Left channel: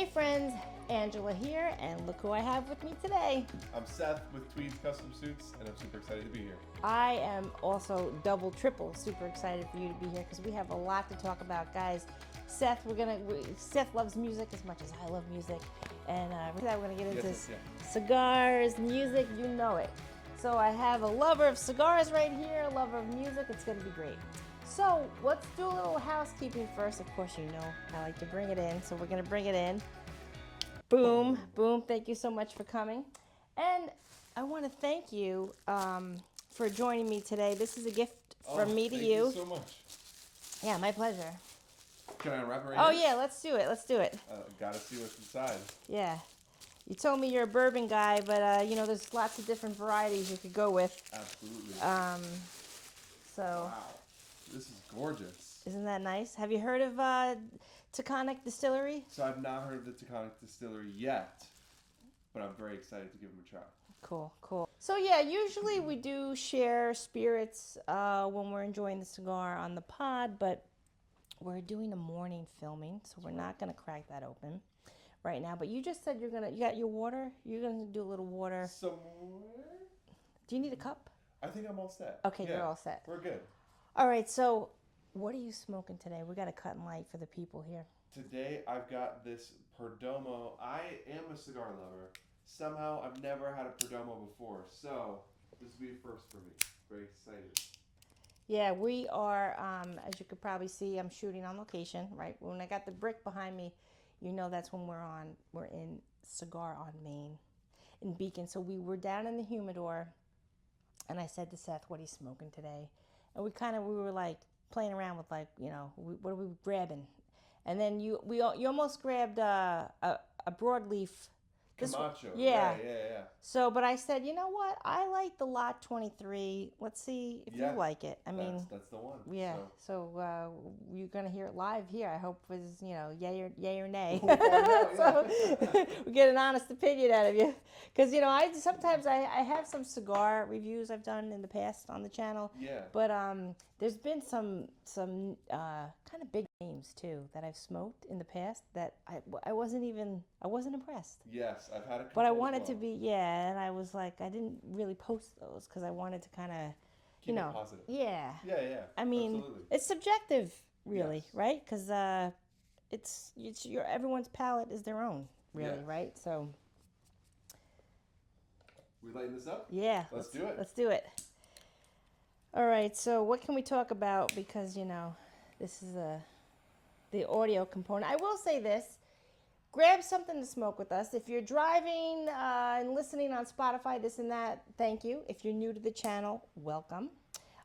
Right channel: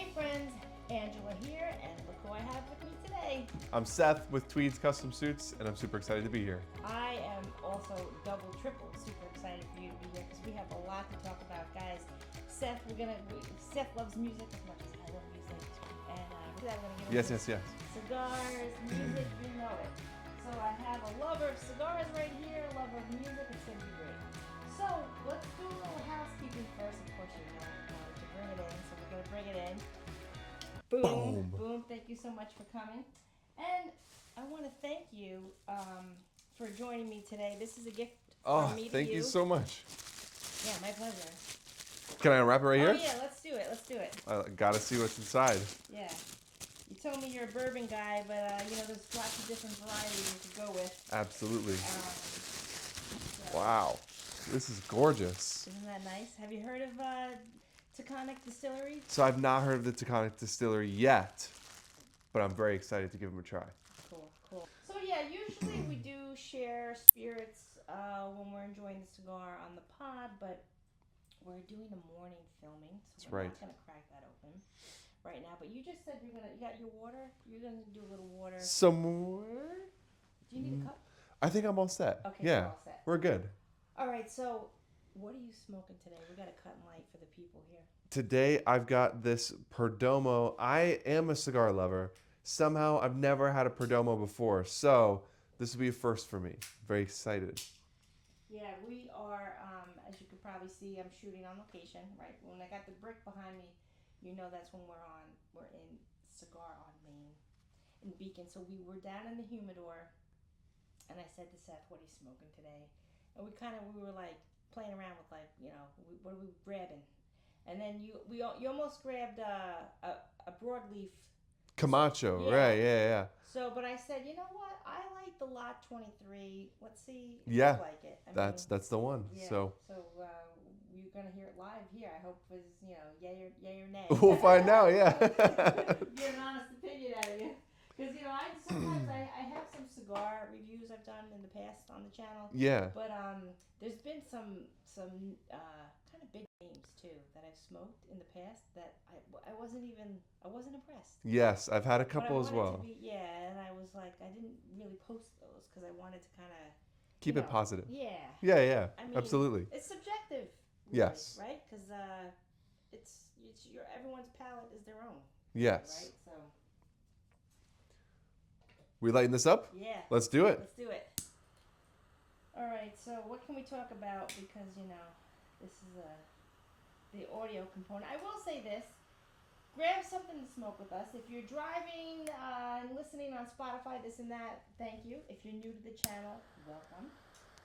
Hey friends, Angela here, and look who I have with me today. I'm Seth with TWEEDS Custom Suits, and I'm super excited to be here. I am also double, triple super excited for you to be here because we have a lot to talk about, guys. Seth loves music as much as I love music, and we're gonna get into cigars, music, you know it. So I have a lover of cigars right here, a lover of music. It's gonna be great. So let's do a little housekeeping first. Of course, you know I like to bring it in, so we're gonna bring it in. Boom, boom. Thank you so much for coming. And I want to thank you for joining me today. This is a gift from me to you. Thank you so much. Yeah, my pleasure. Can I unwrap it right here? Oh, yeah, let's do it. Let's do it. Gotta see what's inside. Yeah. You told me you're a bourbon guy, but, you know, there's lots of different varieties you could go with. Absolutely. So. Wow. This is gorgeous. Isn't that nice? Have you heard of Taconic Distillery? So I've not heard of the Taconic Distillery yet, but I'm very excited to give them a try. Cool, cool. So yeah, usually we do share spirits when we're enjoying the cigar on the pod, but we're doing a morning filming, so we're not gonna crack that open right now. But you just said you got your water? You're gonna do a little water. Some more? Do you need a cup? I think I'm all set. Okay, yeah, you're all set. We're good. All right, so what are you smoking today? We got to cut and light for the people here. Today I've got this Perdomo. I am a cigar lover. Somehow I've never had a Perdomo before, so this will be a first for me. Very excited. Yeah, we are, as you could probably see, I'm shooting on location, right? When I got the brick behind me, you know that's when we're in Cigar on Main in Beacon. So we were down in the humidor, and I said to Seth, what are you smoking today? And we were like playing around with like, you know, what are we grabbing? And then you almost grabbed a broadleaf. Camacho, yeah. Right, yeah. So, but I said, you know what? I like the Lot 23. Let's see if you like it. That's the one. Yeah. So you're gonna hear it live here. I hope it was, you know, yay or nay. We'll find out. Yeah. So, we get an honest opinion out of you, because you know sometimes I have some cigar reviews I've done in the past on the channel. Yeah. But there's been some kind of big names too that I've smoked in the past that I wasn't impressed. Yes, I've had a couple as well. But I wanted to be, and I was like, I didn't really post those because I wanted to kind of keep it positive. Yeah. Yeah. I mean, absolutely. It's subjective, really, yes. Right? Because it's everyone's palate is their own. Really, yes. Right. So. We lighting this up? Yeah. Let's do it. Let's do it. All right. So what can we talk about? Because you know, this is the audio component. I will say this. Grab something to smoke with us. If you're driving and listening on Spotify, this and that, thank you. If you're new to the channel, welcome.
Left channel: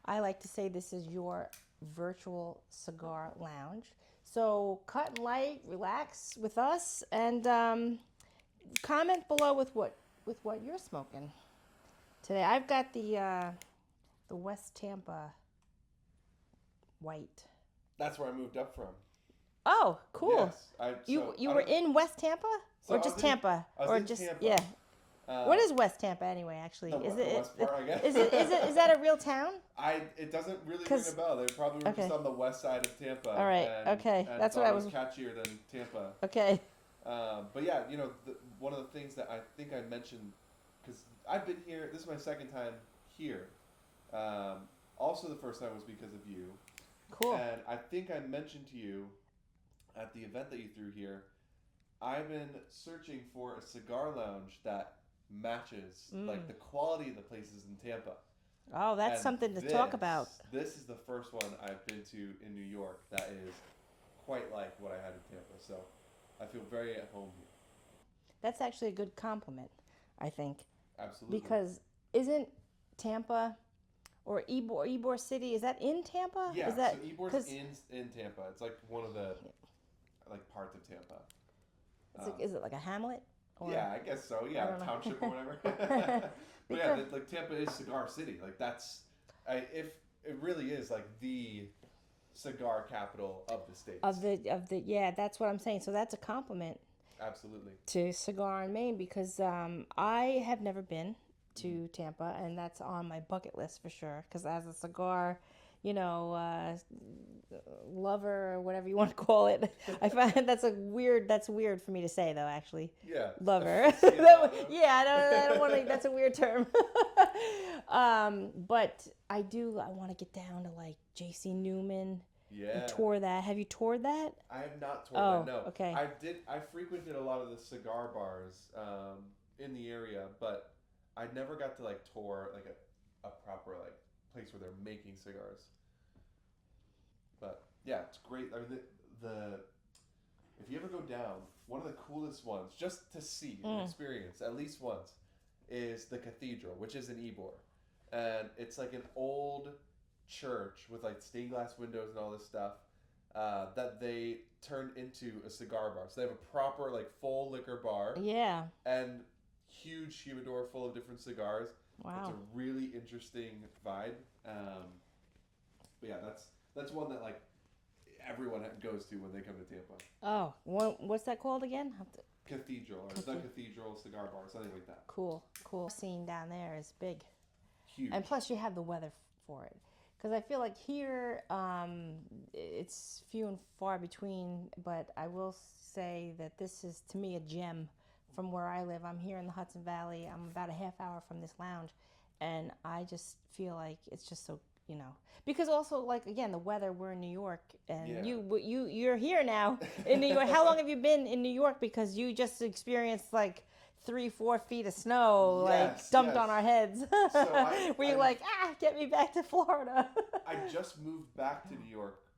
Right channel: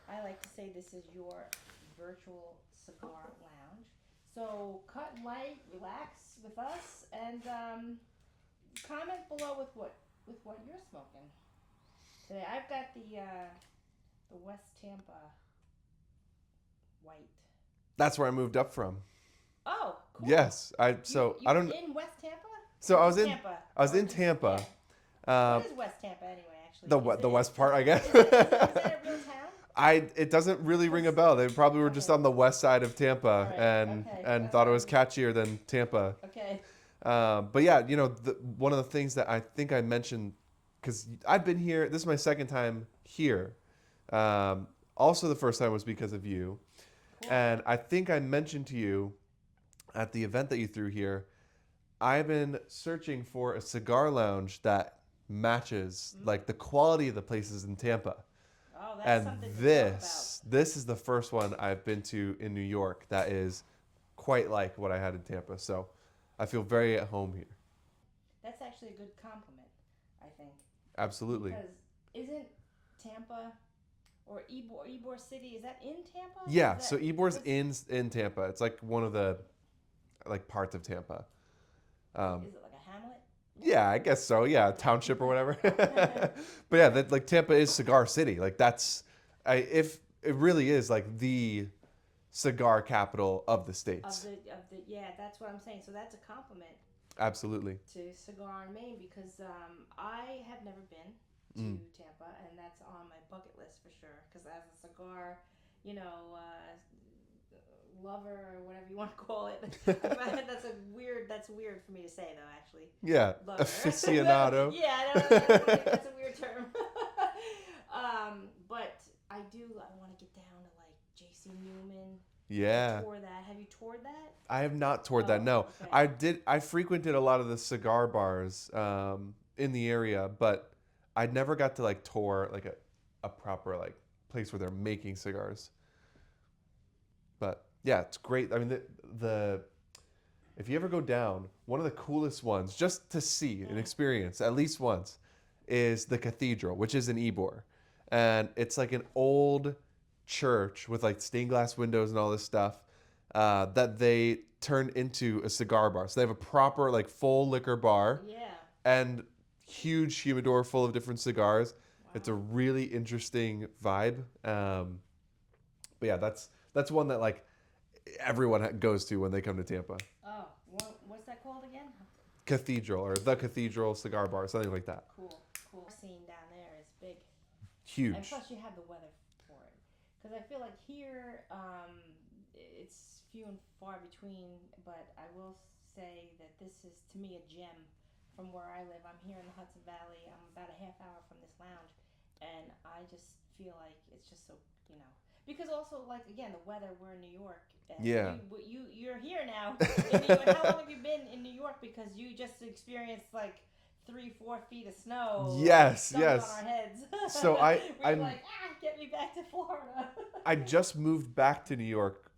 I like to say this is your virtual cigar lounge. So cut and light, relax with us, and comment below with what you're smoking today. I've got the West Tampa white. That's where I moved up from. Oh, cool. Yes, you were in West Tampa? So I was in Tampa. I was in Tampa. Yeah. What is West Tampa anyway? Actually, the west part, I guess. Is that a real town? It doesn't really ring a bell. They probably were just on the west side of Tampa, and thought it was catchier than Tampa. Okay. But yeah, you know, one of the things that I think I mentioned, because I've been here. This is my second time here. Also, the first time was because of you. Cool. And I think I mentioned to you at the event that you threw here, I've been searching for a cigar lounge that matches like the quality of the places in Tampa. Oh, that's something to talk about. This is the first one I've been to in New York that is quite like what I had in Tampa. So I feel very at home here. That's actually a good compliment, I think. Absolutely. Because isn't Tampa or Ybor City, is that in Tampa? Yeah, so Ybor's in Tampa. It's like one of the parts of Tampa. Is it like a hamlet? Yeah, I guess so. Yeah, township or whatever. But yeah, like Tampa is Cigar City. Like if it really is like the cigar capital of the states. Yeah, that's what I'm saying. So that's a compliment. Absolutely. To Cigar on Main, because I have never been to Tampa, and that's on my bucket list for sure. Because as a cigar, you know, lover or whatever you want to call it. I find that's weird for me to say though, actually. Yeah. Lover. Aficionado. Yeah, I don't want to, that's a weird term. But I want to get down to like J.C. Newman. Yeah. Tour that. Have you toured that? I have not toured that, no. Okay. I frequented a lot of the cigar bars in the area, but I never got to like tour like a proper like place where they're making cigars. But yeah, it's great. I mean, the if you ever go down, one of the coolest ones just to see and experience at least once is the cathedral, which is in Ybor, and it's like an old church with like stained glass windows and all this stuff that they turned into a cigar bar. So they have a proper like full liquor bar. Yeah. And huge humidor full of different cigars. Wow. It's a really interesting vibe. But yeah, that's one that like everyone goes to when they come to Tampa. Oh, what's that called again? Cathedral or the Cathedral Cigar Bar, something like that. Cool. Scene down there is big. Huge. And plus you have the weather for it. Because I feel like here it's few and far between, but I will say that this is to me a gem from where I live. I'm here in the Hudson Valley. I'm about a half hour from this lounge, and I just feel like it's just so, because also like again the weather. We're in New York, and you're here now in New York. How long have you been in New York? Because you just experienced like 3-4 feet of snow dumped on our heads. So you're like, get me back to Florida. I just moved back to New York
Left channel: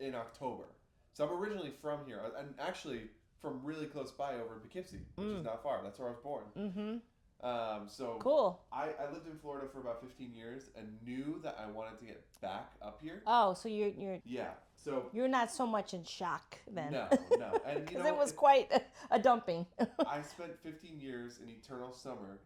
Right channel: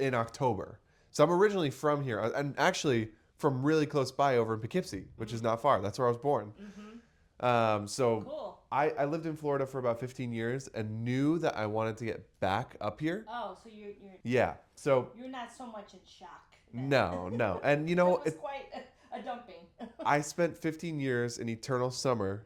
in October. So I'm originally from here, and actually from really close by over in Poughkeepsie, which is not far. That's where I was born. So cool. I lived in Florida for about 15 years and knew that I wanted to get back up here. Oh, so you're yeah. So you're not so much in shock then. No. And it was quite a dumping. I spent 15 years in eternal summer.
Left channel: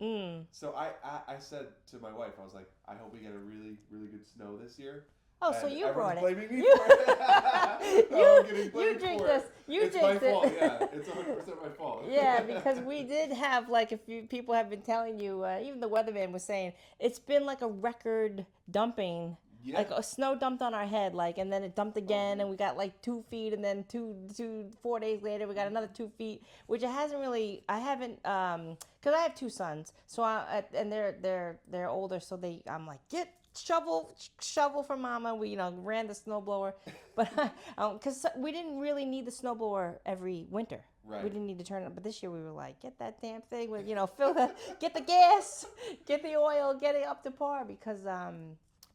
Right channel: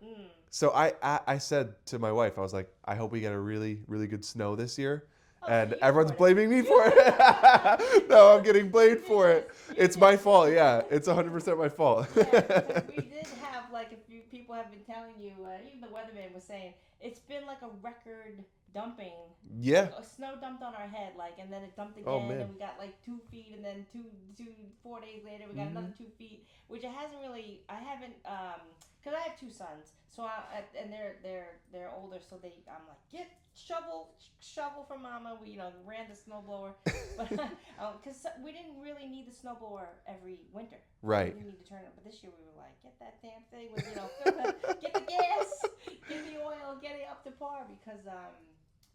So I said to my wife, I was like, I hope we get a really, really good snow this year. Oh, and so everyone's blaming me for it. No, I'm getting blamed for it. It's my fault. Yeah, it's 100% my fault. Yeah, because we did have like a few people have been telling you. Even the weatherman was saying it's been like a record dumping. Yeah, like a snow dumped on our head, like, and then it dumped again, and we got like 2 feet, and then 4 days later we got another 2 feet, which it hasn't really. I haven't because I have 2 sons, so and they're older, so I'm like get. Shovel for mama. We ran the snowblower, but because we didn't really need the snowblower every winter. Right. We didn't need to turn it. But this year we were like, get that damn thing with fill that, get the gas, get the oil, get it up to par because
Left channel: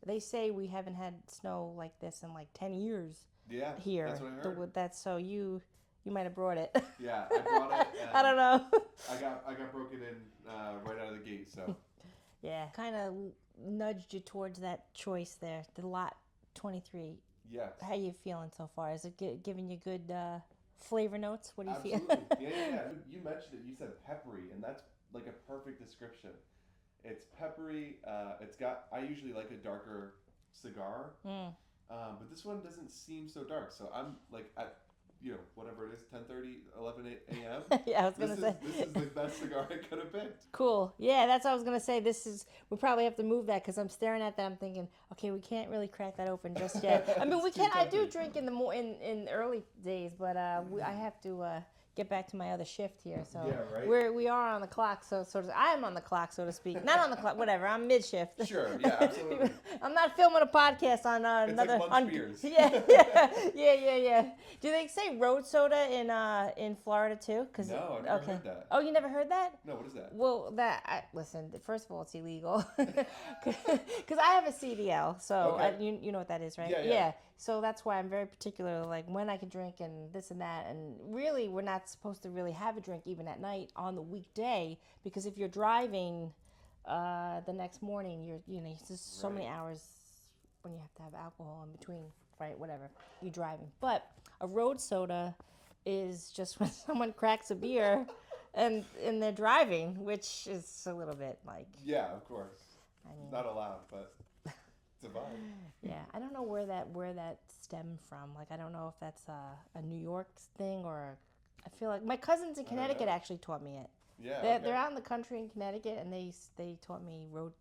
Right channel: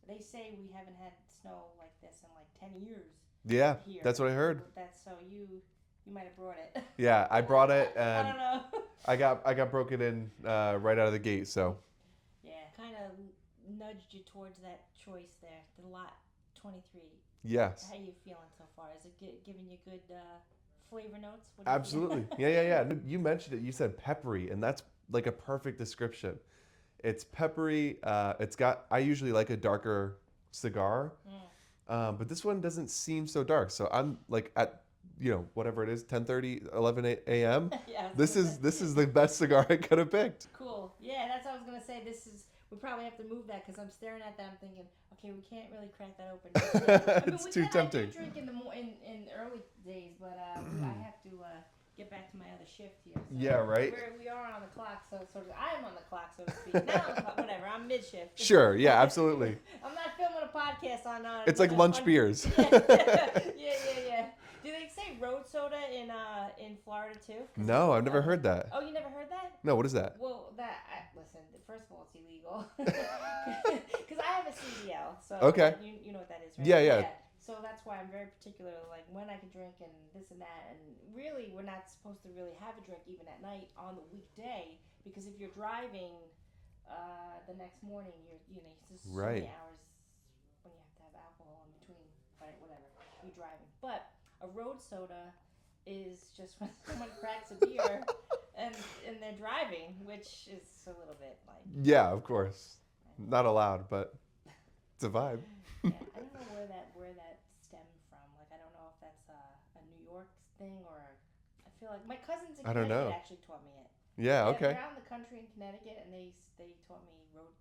they say we haven't had snow like this in like 10 years. Yeah, here. that's what I heard. With that, so you might have brought it. Yeah, I brought it. I don't know. I got broken in right out of the gate. So. Yeah, kind of nudged you towards that choice there, the lot 23. Yes. How are you feeling so far? Is it giving you good flavor notes? What do you Absolutely. Yeah. You mentioned it. You said peppery, and that's like a perfect description. It's peppery. I usually like a darker cigar, but this one doesn't seem so dark. So I'm like at whatever it is, 10:30, 11 a.m. Yeah, this is the best cigar I could have picked. Cool. Yeah, that's what I was gonna say. We probably have to move that because I'm staring at that. I'm thinking, okay, we can't really crack that open just yet. I mean, we can. I do drink in the early days, but I have to get back to my other shift here. So yeah, right. We are on the clock, so sort of. I am on the clock, so to speak. Not on the clock, whatever. I'm mid shift. Sure. Yeah. Absolutely. I'm not filming a podcast on. It's like lunch beers. Yeah. Do they say road soda in Florida too? No, I've never heard that. Oh, you never heard that? No, what is that? Well, listen. First of all, it's illegal because I have a CDL, so okay. You know what that is, right? Yeah. So that's why I'm very particular, like when I can drink and this and that. And really, we're not supposed to really have a drink even at night on the weekday because if you're driving the next morning, you're just so many hours when you have to have alcohol in between, right? Whatever you're driving, but a road soda is just when someone cracks a beer and they're driving, which is a little bit like... Yeah, of course. Not allowed, but it's a vibe. Yeah, I don't know where that stemmed from. Like, I don't know if that's a New York thing or... I feel like my cousins in Connecticut actually taught me it. Yeah, okay. They're out in the country in Connecticut, and they taught me road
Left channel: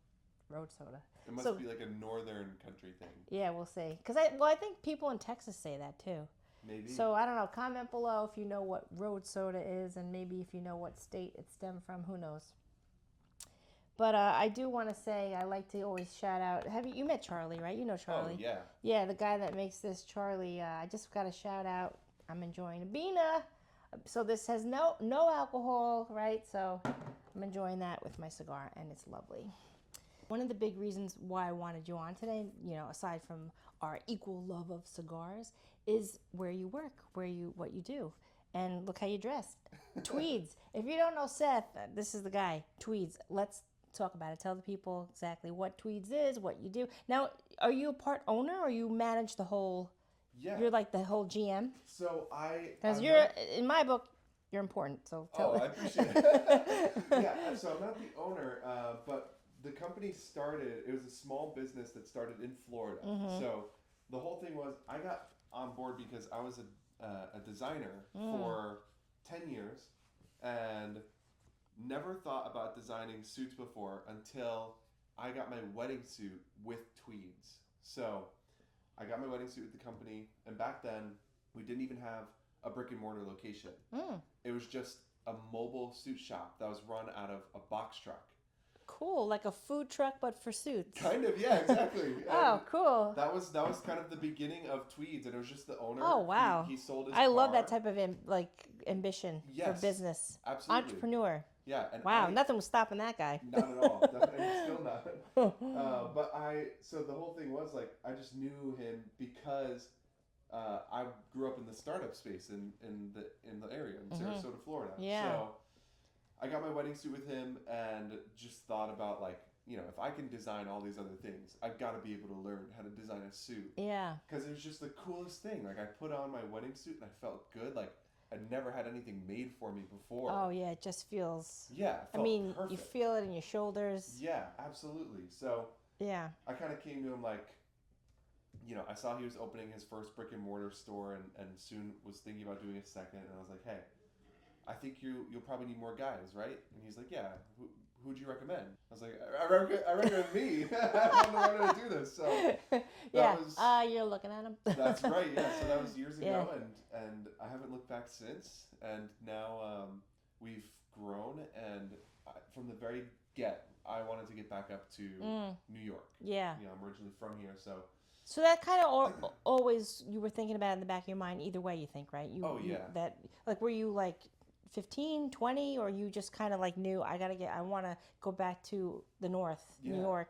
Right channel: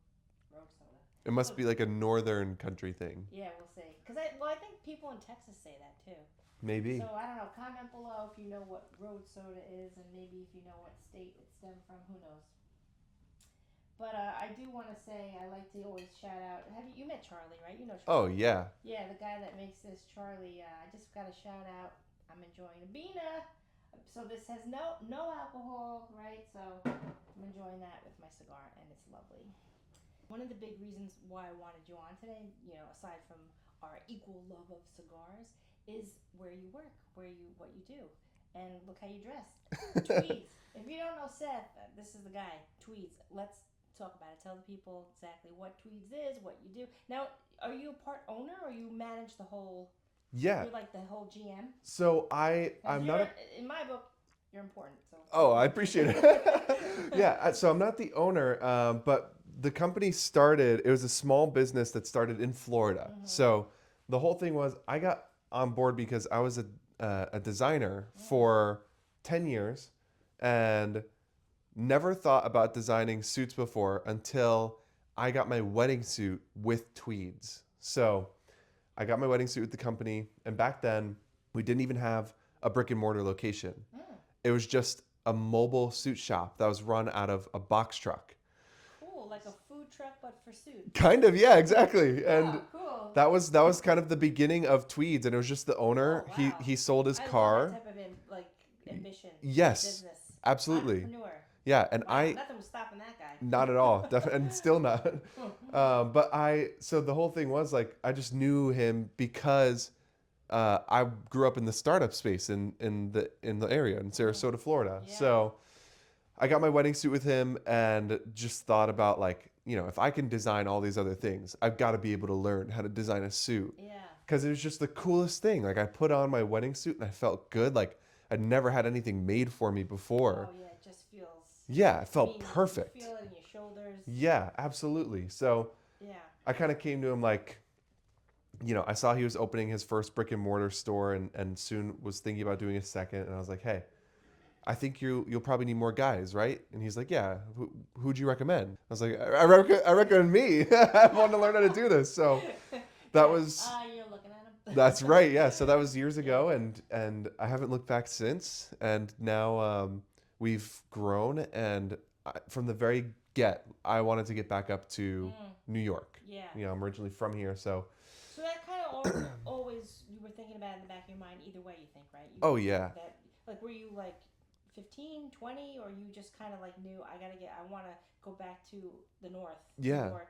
Road soda. It must be like a northern country thing. Yeah, we'll see. Because I think people in Texas say that too. Maybe. So I don't know. Comment below if you know what road soda is, and maybe if you know what state it stemmed from. Who knows? But I do want to say I like to always shout out. You met Charlie, right? You know Charlie. Oh yeah. Yeah, the guy that makes this, Charlie. I just got a shout out. I'm enjoying a Bina. So this has no alcohol, right? So I'm enjoying that with my cigar, and it's lovely. One of the big reasons why I wanted you on today, aside from our equal love of cigars, is where you work, what you do. And look how you dressed. Tweeds. If you don't know Seth, this is the guy. Tweeds. Let's talk about it. Tell the people exactly what Tweeds is, what you do. Now, are you a part owner or you manage the whole? Yeah. You're like the whole GM? So in my book, you're important. So. Oh, I appreciate it. Yeah. So I'm not the owner, but the company started, it was a small business that started in Florida. Mm-hmm. So the whole thing was I got on board because I was a designer for 10 years and never thought about designing suits before until I got my wedding suit with Tweeds. So I got my wedding suit with the company, and back then we didn't even have a brick and mortar location. It was just a mobile suit shop that was run out of a box truck. Cool, like a food truck but for suits. Kind of, yeah, exactly. Oh, cool. That was kind of the beginning of Tweeds, and it was just the owner. Oh, wow. He sold his car. I love that type of ambition. Yes, business. Absolutely. Entrepreneur. Yeah, and wow, nothing was stopping that guy. Not at all, and still not. So the whole thing was like I just knew him because I grew up in the startup space in the area in Sarasota, Florida. Yeah. So I got my wedding suit with him and just thought about like, if I can design all these other things, I've got to be able to learn how to design a suit. Yeah. Because it was just the coolest thing. Like I put on my wedding suit and I felt good. Like I'd never had anything made for me before. Oh yeah, it just feels. Yeah, it felt perfect. You feel it in your shoulders. Yeah, absolutely. So yeah, I kind of came to him like, I saw he was opening his first brick and mortar store and soon was thinking about doing a second. And I was like, hey, I think you'll probably need more guys, right? And he's like, yeah. Who'd you recommend? I was like, I recommend me. I want to learn how to do this. So that was. You're looking at him. That's right. Yeah. So that was years ago, and I haven't looked back since. And now we've grown, and from the very I wanted to get back up to New York. Yeah. I'm originally from here, so. So that kind of always you were thinking about it in the back of your mind. Either way, you think, right? Yeah. That were you like 15, 20, or you just kind of like knew I want to go back to the north, New York,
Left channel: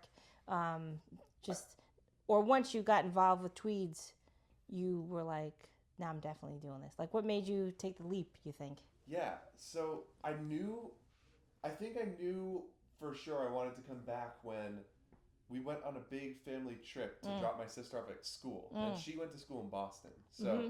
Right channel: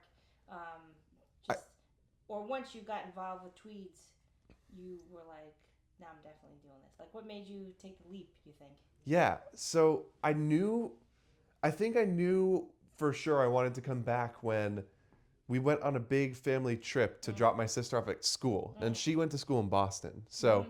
or once you got involved with Tweeds, you were like, now I'm definitely doing this. Like, what made you take the leap, you think? Yeah, so I think I knew for sure I wanted to come back when we went on a big family trip to drop my sister off at school, and she went to school in Boston, so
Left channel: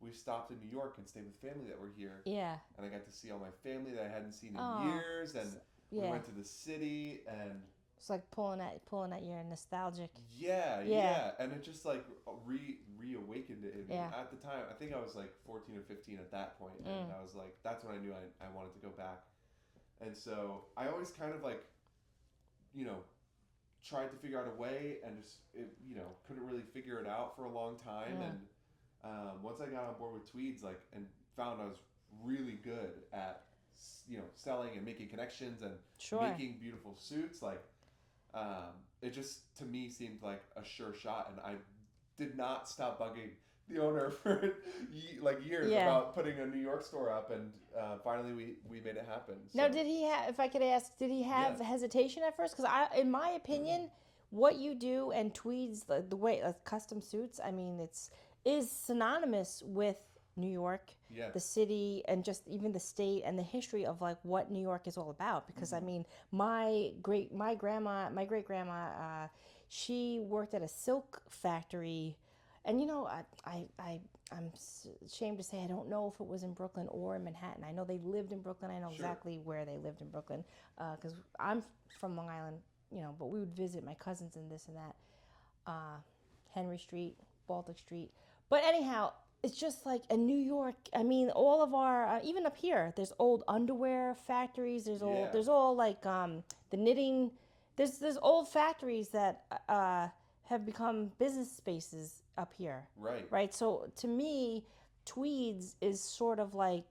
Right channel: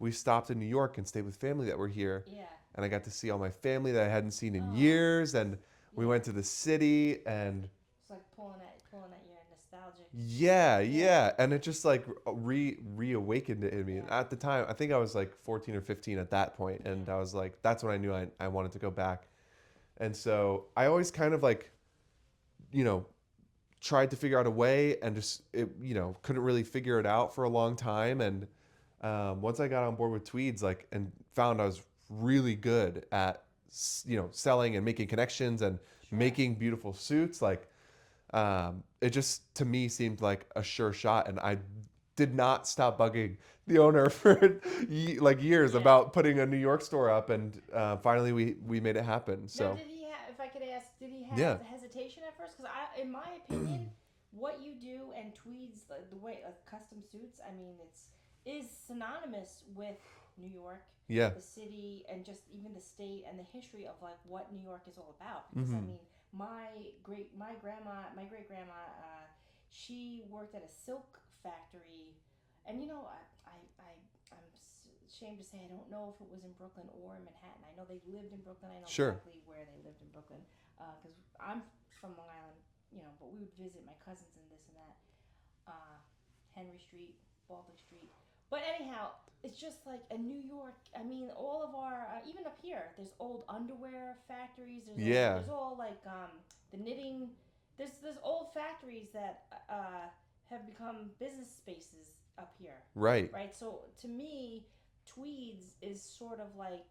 we stopped in New York and stayed with family that were here. Yeah. And I got to see all my family that I hadn't seen in years. And we went to the city and. It's like pulling at your nostalgic. Yeah. And it just like reawakened it in me. Yeah. At the time, I think I was like 14 or 15 at that point. And I was like, that's when I knew I wanted to go back. And so I always kind of like, tried to figure out a way and just, couldn't really figure it out for a long time. Yeah. And once I got on board with Tweeds, and found I was really good at, selling and making connections and making beautiful suits, it just to me seemed like a sure shot, and I did not stop bugging the owner for years about putting a New York store up, and finally we made it happen. So. Now, did he have? If I could ask, did he have hesitation at first? Because in my opinion, what you do and Tweeds, the way custom suits, I mean, is synonymous with New York, the city, and just even the state and the history of what New York is all about. Because I mean, my great grandma, she worked at a silk factory, and I'm ashamed to say I don't know if it was in Brooklyn or in Manhattan. I know they lived in Brooklyn. I know exactly where they lived in Brooklyn because I'm from Long Island, but we would visit my cousins and this and that. Henry Street, Baltic Street. But anyhow, it's just like in New York. I mean, all of our even up here, there's old underwear factories. There's all like the knitting there's old factories that have become business spaces up here. Right. Right. So to me, Tweeds is sort of like,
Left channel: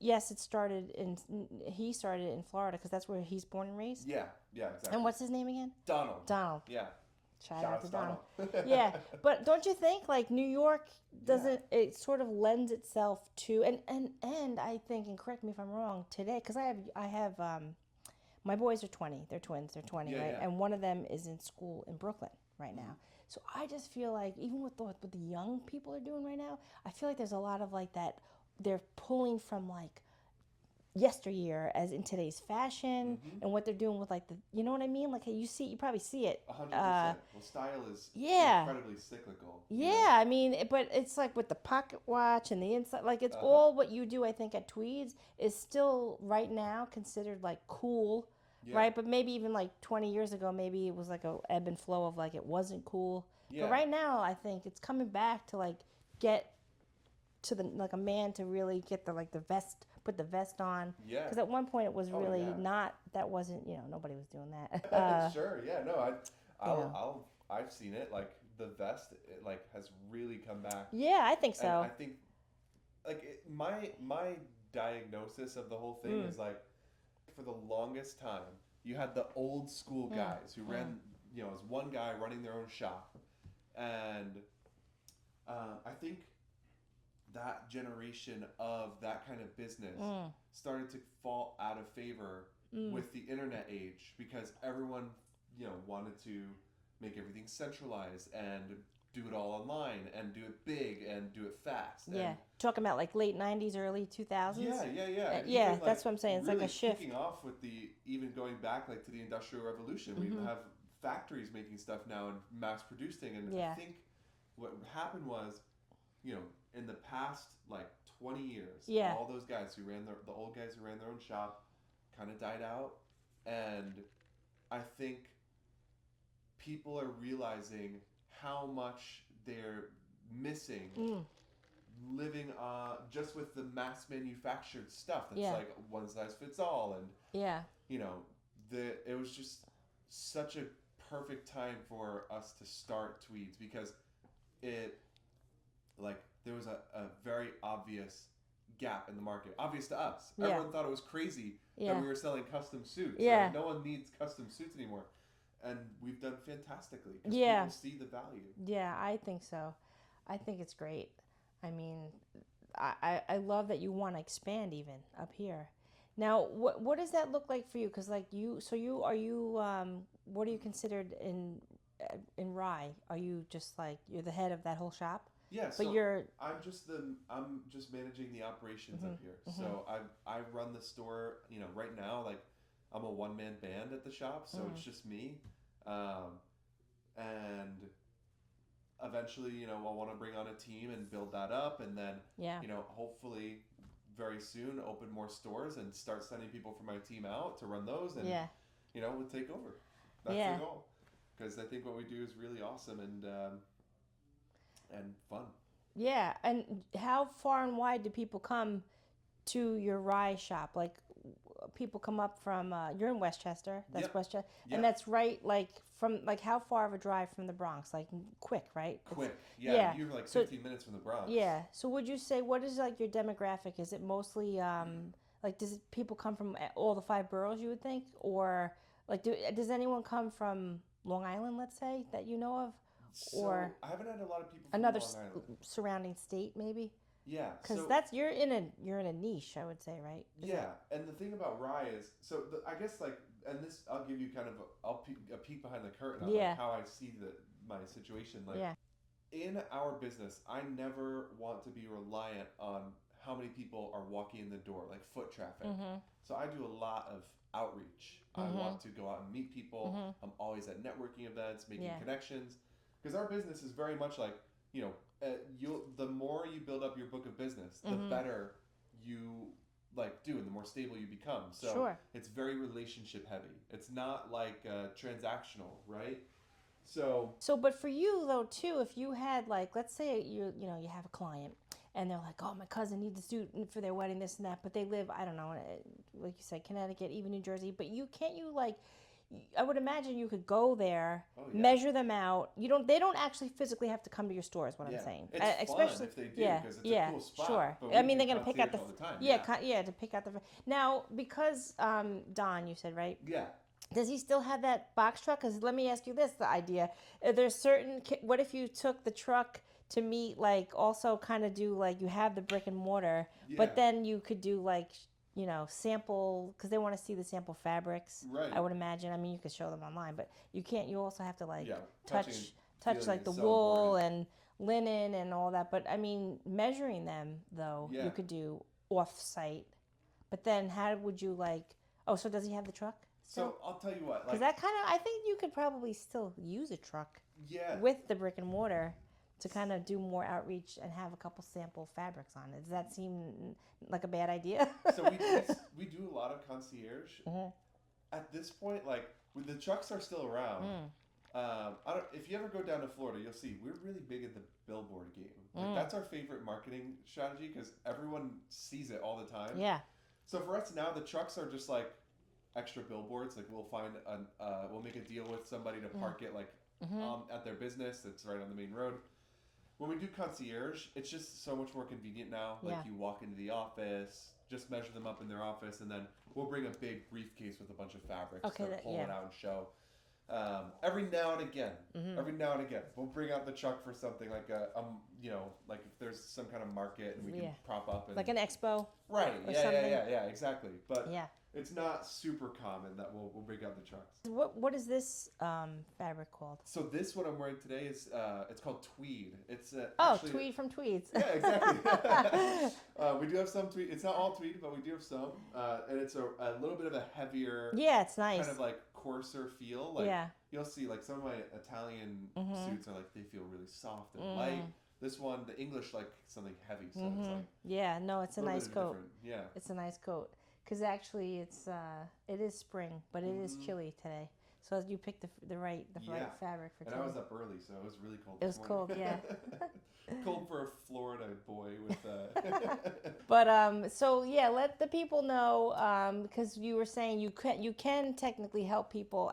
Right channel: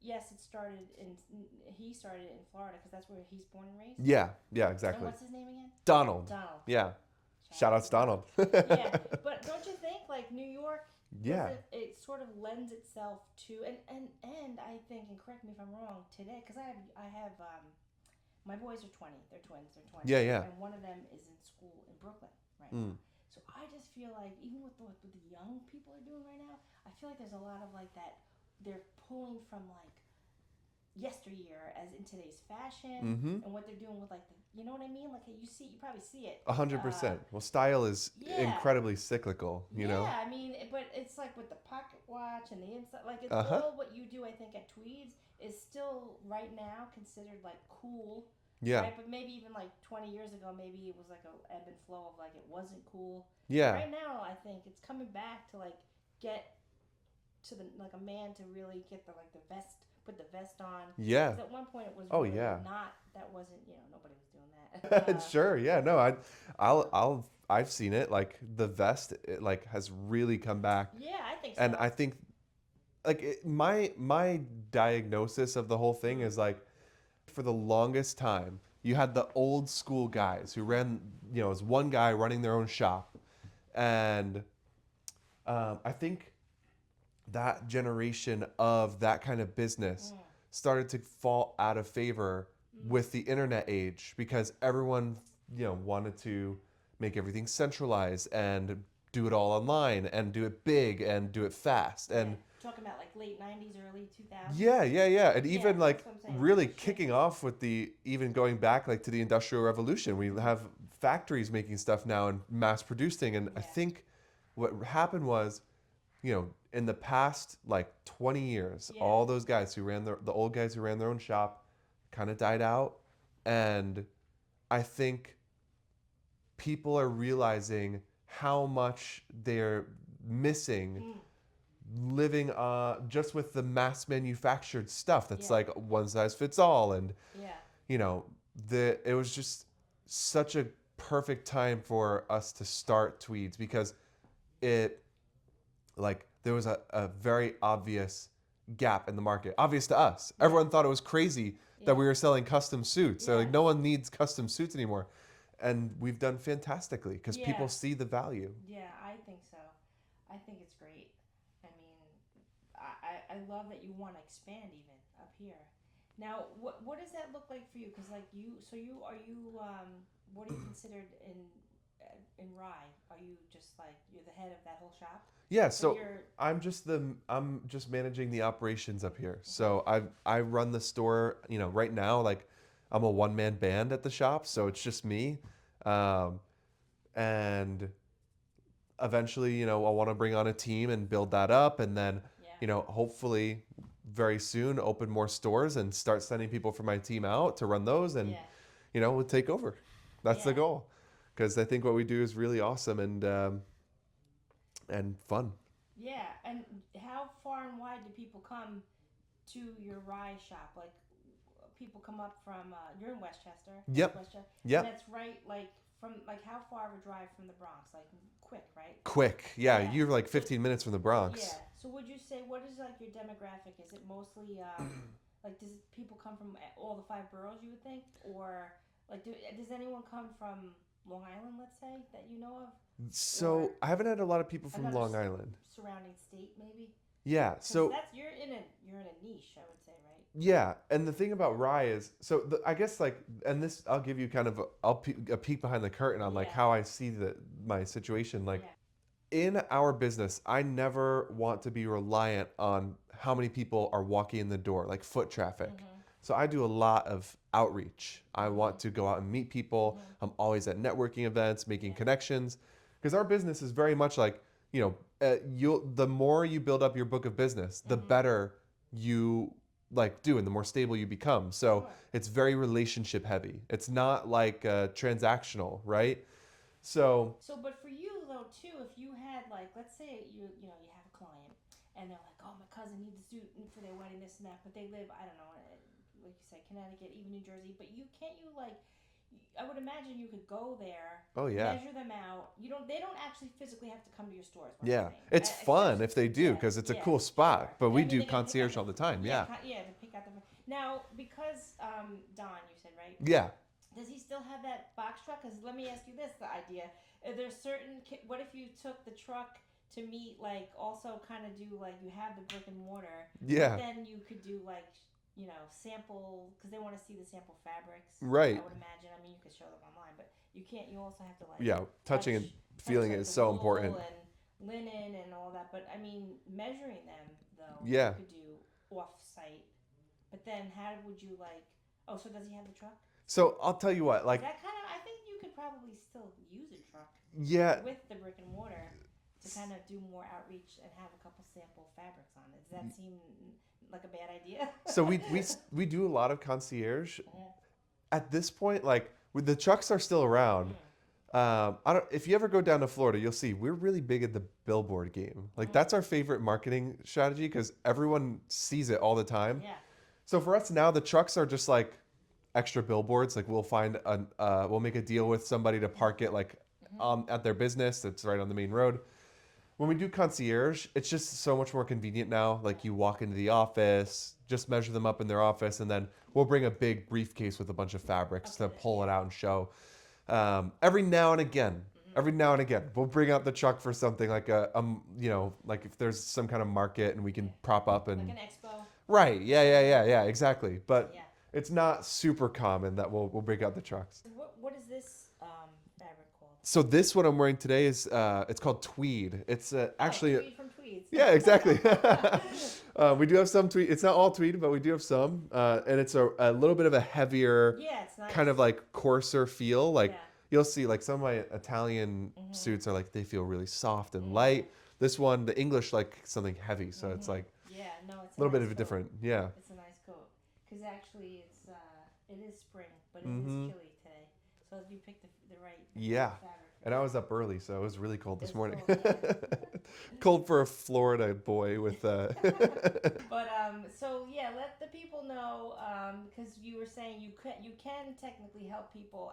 yes, he started in Florida because that's where he's born and raised. Yeah. Yeah. Exactly. And what's his name again? Donald. Donald. Yeah. Shout out to Donald. Yeah, but don't you think like New York doesn't? It sort of lends itself to and I think, and correct me if I'm wrong today, because I have my boys are 20. They're twins. They're 20. Yeah, right? yeah. And one of them is in school in Brooklyn right now. So I just feel like even with what the young people are doing right now, I feel like there's a lot of like that. They're pulling from like yesteryear as in today's fashion and what they're doing with like the, you know what I mean? Like you probably see it. 100%. Well, style is incredibly cyclical. You know? I mean, but it's like with the pocket watch and the inside, like it's all what you do. I think at Tweeds is still right now considered like cool, right? But maybe even like 20 years ago, maybe it was like a ebb and flow of like it wasn't cool. Yeah. But right now, I think it's coming back to like get to the like a man to really get the like the vest. Put the vest on. Yeah. Because at one point it was really not. That wasn't. Nobody was doing that. Sure. Yeah. No. I've seen it. Like the vest, it like has really come back. Yeah, I think so. And I think, like my diagnosis of the whole thing is like, for the longest time, you had the old school guys who ran. It was one guy running their own shop, and I think that generation of that kind of business started to fall out of favor with the internet age because everyone, wanted to make everything centralized and do it all online and do it big and do it fast. And talking about like late 90s, early 2000s. Yeah. And even like that's what I'm saying. really like kicking off with even going back like to the Industrial Revolution. We have factories making stuff now and mass producing. And I think what happened was, in the past like 20 years, all those guys who ran the old guys who ran their own shop kind of died out. And I think people are realizing how much they're missing living just with the mass manufactured stuff that's like one size fits all. And, it was just such a perfect time for us to start Tweeds because there was a very obvious gap in the market. Obvious to us. Yeah. Everyone thought it was crazy that we were selling custom suits. So no one needs custom suits anymore. And we've done fantastically because people see the value. Yeah, I think so. I think it's great. I mean, I love that you want to expand even up here. Now, what does that look like for you? Because like what are you considered in Rye? Are you just like you're the head of that whole shop? Yeah, so I'm just managing the operations up here. So I run the store. Right now, like I'm a one-man band at the shop, so it's just me. And eventually, I want to bring on a team and build that up, and then hopefully very soon open more stores and start sending people from my team out to run those, and we'll take over. That's the goal, because I think what we do is really awesome and fun. Yeah, and how far and wide do people come to your Rye shop? Like, people come up from you're in Westchester. That's Westchester. Yep. And that's right, like from like how far of a drive from the Bronx? Like quick, right? Quick, yeah. You're like 15 minutes from the Bronx. Yeah. So would you say what is like your demographic? Is it mostly like people come from all the 5 boroughs? You would think, or like does anyone come from Long Island? Let's say that you know of. So I haven't had a lot of people from Long Island. Surrounding state, maybe. Yeah, so you're in a niche, I would say, right? Yeah, and the thing about Rye is, I guess like, and this I'll give you kind of a peek behind the curtain on like how I see my situation. Like in our business, I never want to be reliant on how many people are walking in the door, like foot traffic. So I do a lot of outreach. I want to go out and meet people. I'm always at networking events, making connections, because our business is very much like, the more you build up your book of business, the better you like do and the more stable you become. So it's very relationship heavy. It's not like transactional, right? So but for you though too, if you had like, let's say you have a client and they're like, oh, my cousin needs a suit for their wedding, this and that, but they live, I don't know, like you said, Connecticut, even New Jersey, but can't you like, I would imagine you could go there, Oh, yeah. measure them out. They don't actually physically have to come to your store, is what I'm saying. It's fun if they do, because it's a cool spot. Sure. But we do concierge all the time. Yeah. To pick out the. Now, because Don, you said, right? Yeah. Does he still have that box truck? Because let me ask you this: the idea. There's certain. What if you took the truck to meet, like, also kind of do like you have the brick and mortar, but then you could do like, sample, because they want to see the sample fabrics. Right. I would imagine. I mean, you could show them online, but you can't. You also have to like. Touching and feeling like is the so wool important. and linen and all that. But I mean, measuring them though, you could do off-site. But then, how would you like? Oh, so does he have the truck? So I'll tell you what, like that kind of. I think you could probably still use a truck. Yeah. With the brick and mortar, to kind of do more outreach and have a couple sample fabrics on it. Does that seem like a bad idea? So we do a lot of concierge. At this point, like the trucks are still around. If you ever go down to Florida, you'll see we're really big at the billboard game. Like that's our favorite marketing strategy because everyone sees it all the time. Yeah. So for us now, the trucks are just like extra billboards. Like we'll make a deal with somebody to park it like at their business that's right on the main road. When we do concierge, it's just so much more convenient now. Like you walk into the office, just measure them up in their office, and then we'll bring a big briefcase with a bunch of fabrics to pull it out and show. Every now and again, we'll bring out the truck for something like like if there's some kind of market and we can prop up and like an expo. Right. Yeah. Exactly. But yeah. It's not super common that we'll bring out the trucks. What is this fabric called? So this what I'm wearing today is it's called tweed. It's actually tweed from Tweeds. Yeah, exactly. We do have some tweed. It's not all tweed, but we do have some, and it's a little bit of a heavier. Yeah, it's nice. Kind of like coarser feel. Like you'll see, like some of my Italian suits are like they feel really soft and light. This one, the English, like something heavy, so it's like it's a little nice bit of a coat. different. Yeah, it's a nice coat. Because actually, it is spring, but it is chilly today. So you picked the right fabric. And I was up early, so it was really cold this morning. Cold, yeah. Cold for a Florida boy with. But so yeah, let the people know because you were saying you can technically help people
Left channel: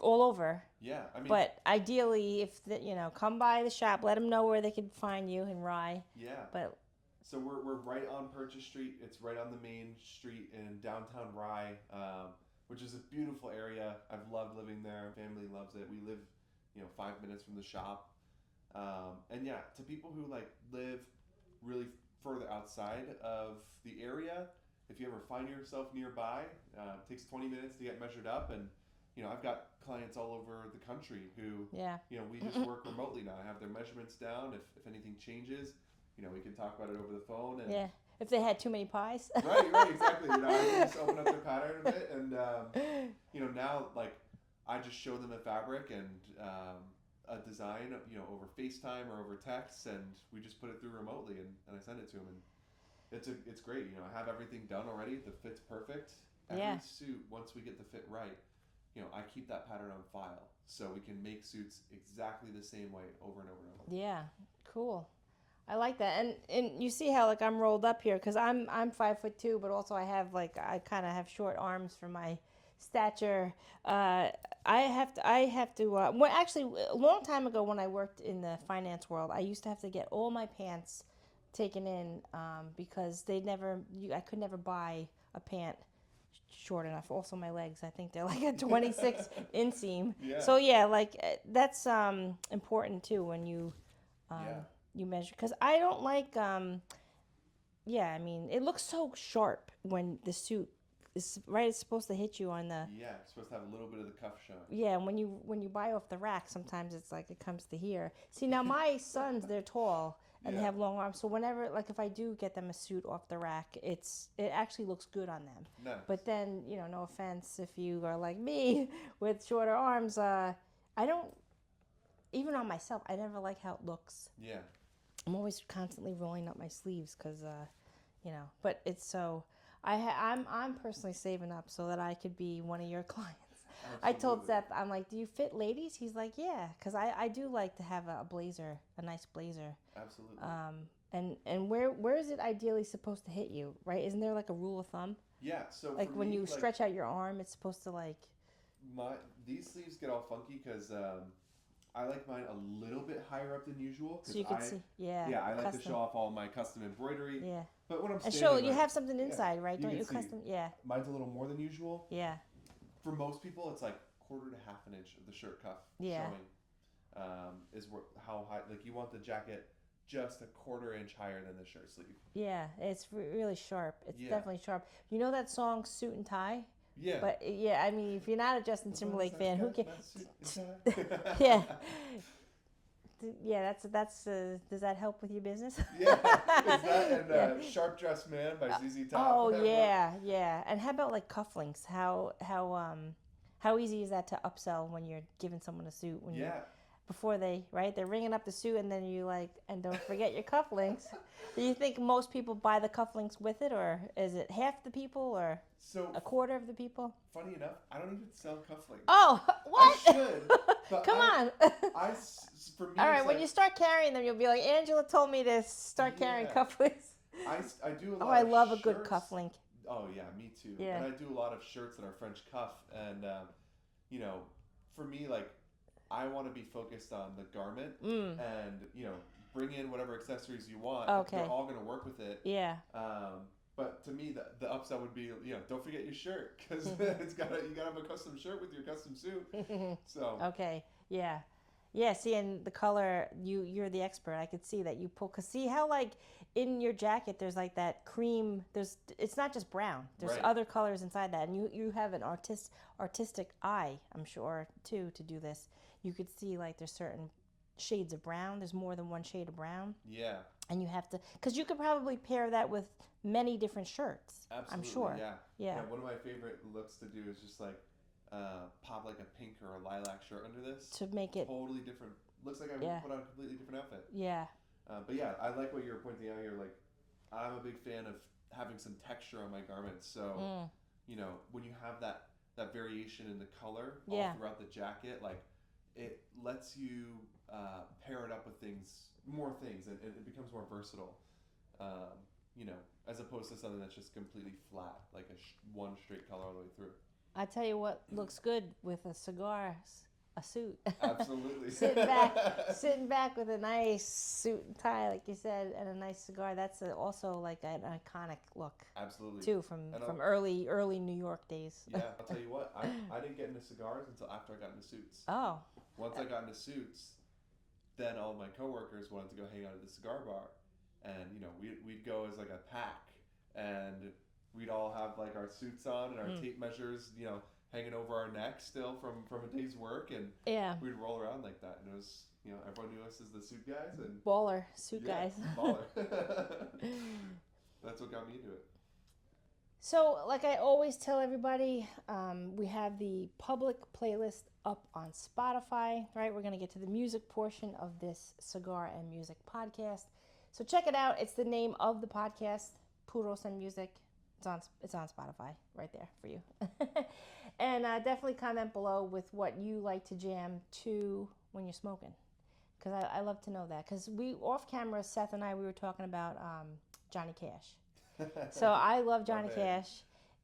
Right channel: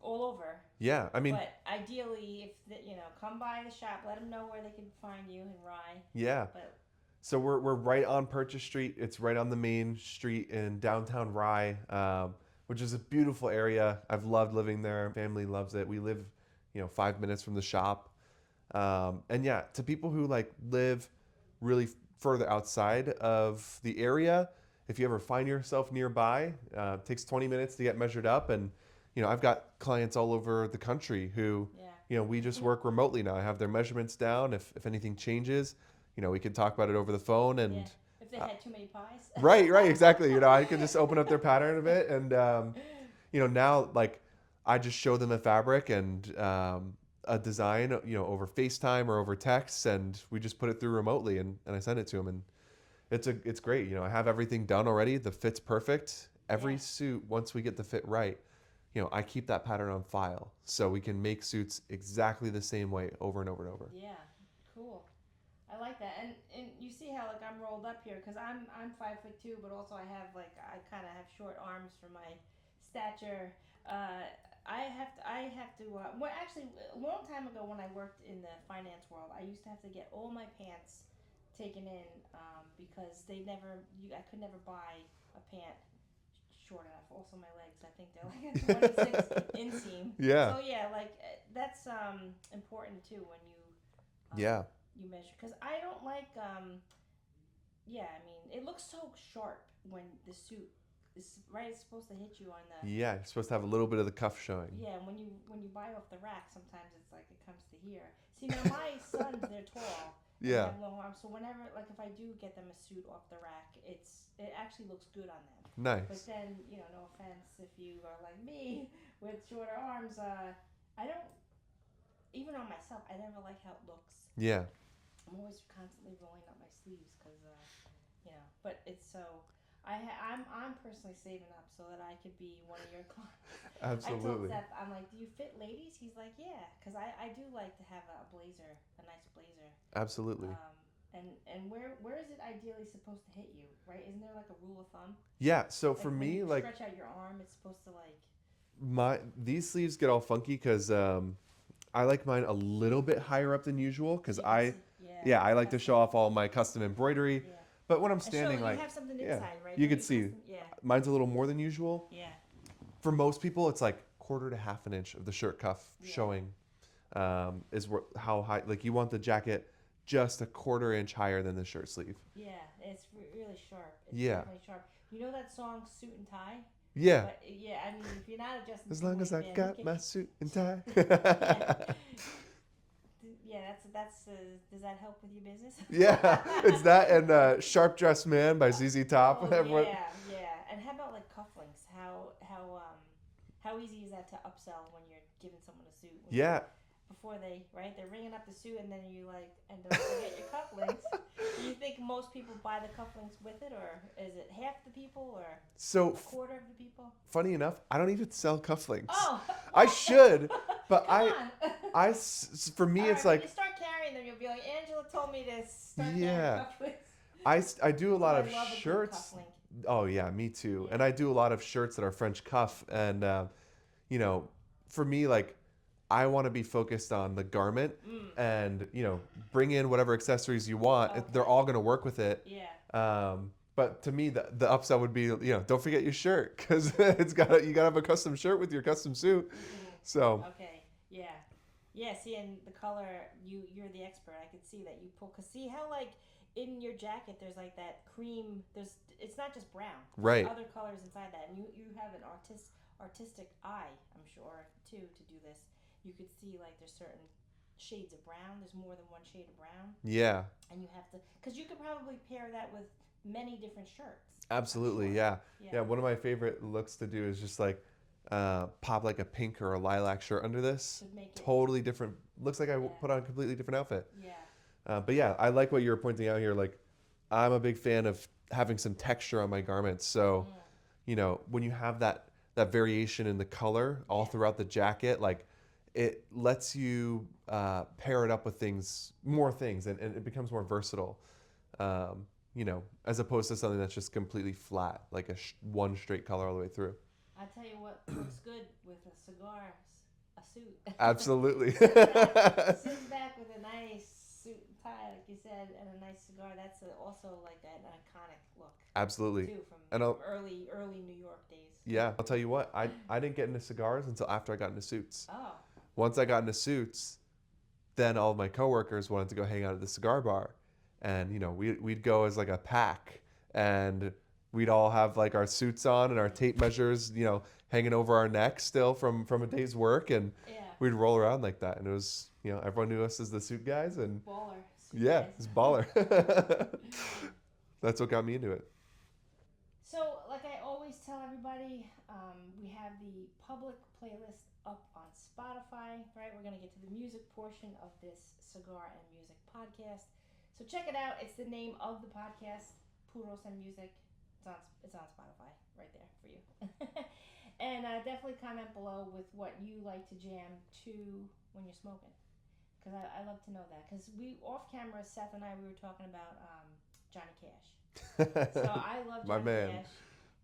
all over. Yeah, I mean. But ideally, if come by the shop, let them know where they can find you in Rye. Yeah. But. So we're right on Purchase Street. It's right on the main street in downtown Rye, which is a beautiful area. I've loved living there. Family loves it. We live, 5 minutes from the shop. And yeah, to people who like live really further outside of the area, if you ever find yourself nearby, it takes 20 minutes to get measured up. And, I've got clients all over the country who, we just work remotely now. I have their measurements down. If anything changes, we could talk about it over the phone and if they had too many pies. right, exactly. I can just open up their pattern a bit and now like I just show them a fabric and a design, over FaceTime or over text, and we just put it through remotely and I send it to them, and it's great. I have everything done already. The fit's perfect. Every suit, once we get the fit right, I keep that pattern on file so we can make suits exactly the same way over and over and over. Yeah, cool. I like that, and you see how like I'm rolled up here because I'm 5'2", but also I kind of have short arms for my stature. I have to. Well, actually, a long time ago when I worked in the finance world, I used to have to get all my pants taken in because I could never buy a pant short enough. Also, my legs, I think they're like a 26 inseam. Yeah. So yeah, like that's important too when you. You measure because I don't like I mean it looks so sharp when the suit is right. It's supposed to hit you on the you're supposed to have a little bit of the cuff showing. Yeah, and when you buy off the rack, sometimes it's like it comes to here. See, now my sons, they're tall and they have long arms, so whenever like if I do get them a suit off the rack, it actually looks good on them. Nice. But then no offense if you are like me with shorter arms, I don't. Even on myself, I never like how it looks. Yeah. I'm always constantly rolling up my sleeves because, but it's so. I'm personally saving up so that I could be one of your clients. Absolutely. I told Seth, I'm like, do you fit ladies? He's like, yeah, because I do like to have a blazer, a nice blazer. Absolutely. And where is it ideally supposed to hit you, right? Isn't there like a rule of thumb? Yeah, so Like for when me, you like stretch out your arm, it's supposed to like. these sleeves get all funky because I like mine a little bit higher up than usual So because you can see, yeah, I like to custom. show off all my custom embroidery. Yeah. But when I'm And standing, show like you have something inside, right? you Don't could see custom? Yeah. mine's a little more than usual. Yeah. For most people, it's like quarter to half an inch of the shirt cuff Yeah. showing. Is how high, like you want the jacket just a quarter inch higher than the shirt sleeve. Yeah, it's really sharp. It's Yeah. definitely sharp. You know that song "Suit and Tie"? Yeah. But yeah, I mean, if you're not a Justin As long Timberlake as I've fan, got my suit and tie. yeah, yeah. That's. Does that help with your business? Yeah, it's that and "Sharp Dressed Man" by ZZ Top. Oh yeah, yeah. And how about like cufflinks? How easy is that to upsell when you're giving someone a suit? Yeah. Before they're ringing up the suit, and then you like, and don't forget your cufflinks. Do you think most people buy the cufflinks with it, or is it half the people, or So a quarter of the people? funny enough, I don't even sell cufflinks. Oh, what? I should, but Come on. for me, All right, it's when like you start carrying them, you'll be like, Angela told me to start carrying Yeah. cufflinks. I do a Oh, lot I of love a good shirts. cufflink. Oh yeah, me too. Yeah. And I do a lot of shirts that are French cuff, and you know, for me, like I want to be focused on the garment, and bring in whatever accessories you want. Okay. They're all gonna work with it. Yeah. But to me, the upsell would be, don't forget your shirt because you gotta have a custom shirt with your custom suit. So Okay. Yeah. Yeah. See, and the color, you're the expert. I could see that you pull. Cause see how like in your jacket there's like that cream. It's not just brown. There's Right. other colors inside that, and you have an artistic eye, I'm sure, too, to do this. You could see like there's certain shades of brown. There's more than one shade of brown. yeah, And you have to, because you could probably pair that with many different shirts. absolutely, I'm sure. yeah. Yeah. One of my favorite looks to do is just like pop like a pink or a lilac shirt under this. To make it Totally different. Looks like I Yeah. put on a completely different outfit. Yeah. But yeah, I like what you were pointing out here. Like, I'm a big fan of having some texture on my garments. So, when you have that variation in the color all Yeah. throughout the jacket, like it lets you pair it up with more things, and it becomes more versatile. As opposed to something that's just completely flat, like one straight color all the way through. I tell you what looks good with a cigar, a suit. Absolutely. Sitting back with a nice suit and tie, like you said, and a nice cigar. That's also like an iconic look. Absolutely. Too, from early New York days. Yeah, I'll tell you what, I didn't get into cigars until after I got into suits. Oh. Once I got into suits, then all of my coworkers wanted to go hang out at the cigar bar, and we'd go as like a pack, and we'd all have like our suits on and our tape measures, hanging over our necks still from a day's work, and Yeah. we'd roll around like that, and it was everyone knew us as the suit guys, and Baller suit yeah, guys. it's baller. That's what got me into it. So, like I always tell everybody, we have the public playlist up on Spotify, right? We're going to get to the music portion of this Cigar and Music podcast. So check it out. It's the name of the podcast, Puros and Music. It's on Spotify right there for you. And definitely comment below with what you like to jam to when you're smoking. Because I love to know that. Because off camera, Seth and I, we were talking about Johnny Cash. So I love Johnny Cash,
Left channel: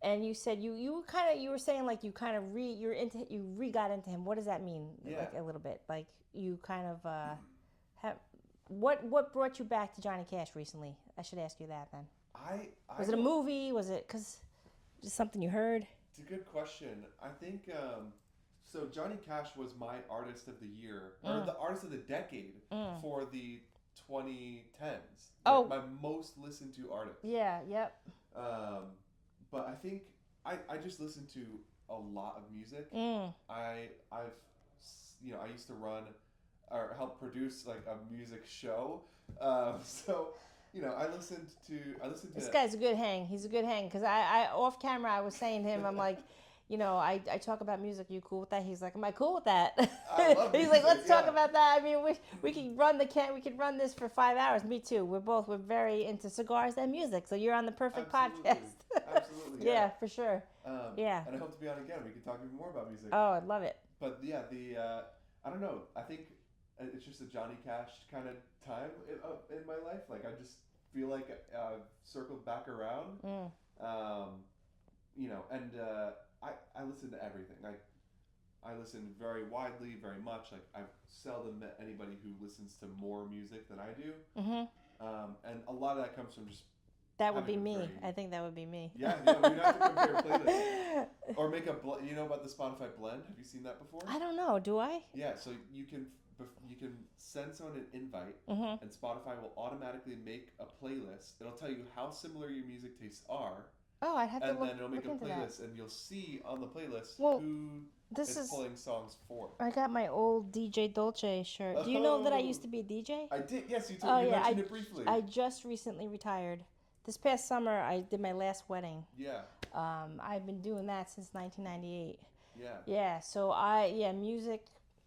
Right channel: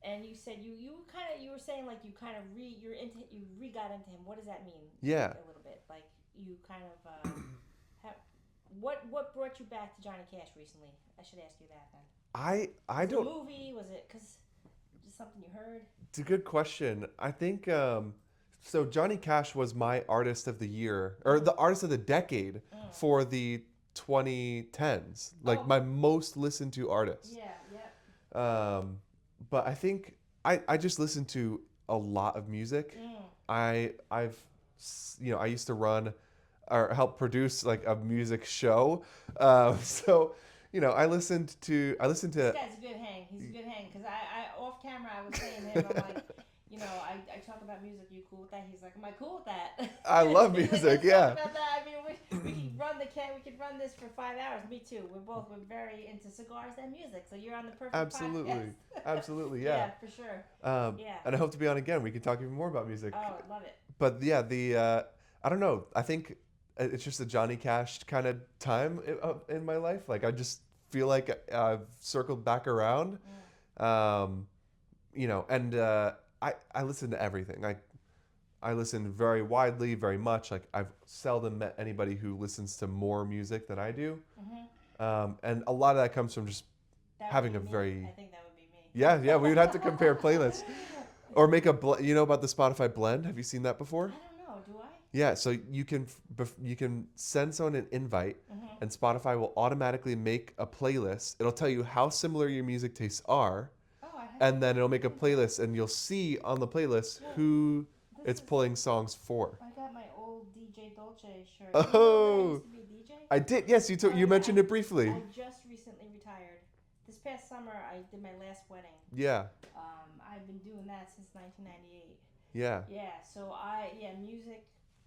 and you said you were saying like you got into him. What does that mean? Yeah, like, a little bit. Like you kind of have what brought you back to Johnny Cash recently? I should ask you that then. Was it a movie? Was it just something you heard? It's a good question. I think so. Johnny Cash was my artist of the year, or the artist of the decade for the 2010s, like my most listened to artist. Yeah, yep. But I think I just listen to a lot of music. I used to run or help produce like a music show. So I listened to. This guy's a good hang. He's a good hang because I off camera I was saying to him, I'm like, I talk about music. Are you cool with that? He's like, am I cool with that? I love music. He's like, let's talk about that. I mean, we could run this for 5 hours. Me too. We're very into cigars and music. So you're on the perfect podcast. Absolutely, yeah. Yeah, for sure. Yeah. And I hope to be on again. We can talk even more about music. Oh, I'd love it. But yeah, I don't know. I think it's just a Johnny Cash kind of time in my life. Like I just feel like I've circled back around. You know, and I listen to everything. I listen very widely, very much. Like I've seldom met anybody who listens to more music than I do. And a lot of that comes from just That would having be a me. very I think that would be me. yeah. We would have to compare playlists or make a you know about the Spotify blend? Have you seen that before? I don't know. Do I? Yeah, so you can send someone an invite, and Spotify will automatically make a playlist. It'll tell you how similar your music tastes are, Oh, I have and to then it'll make a look into that. playlist, and you'll see on the playlist Well, who this it's is- pulling songs for. I got my old DJ Dolce shirt. You know that I used to be a DJ? I did. Yes, you Oh, you yeah, mentioned it briefly. I just recently retired. This past summer, I did my last wedding. Yeah, I've been doing that since 1998. yeah, Yeah, so music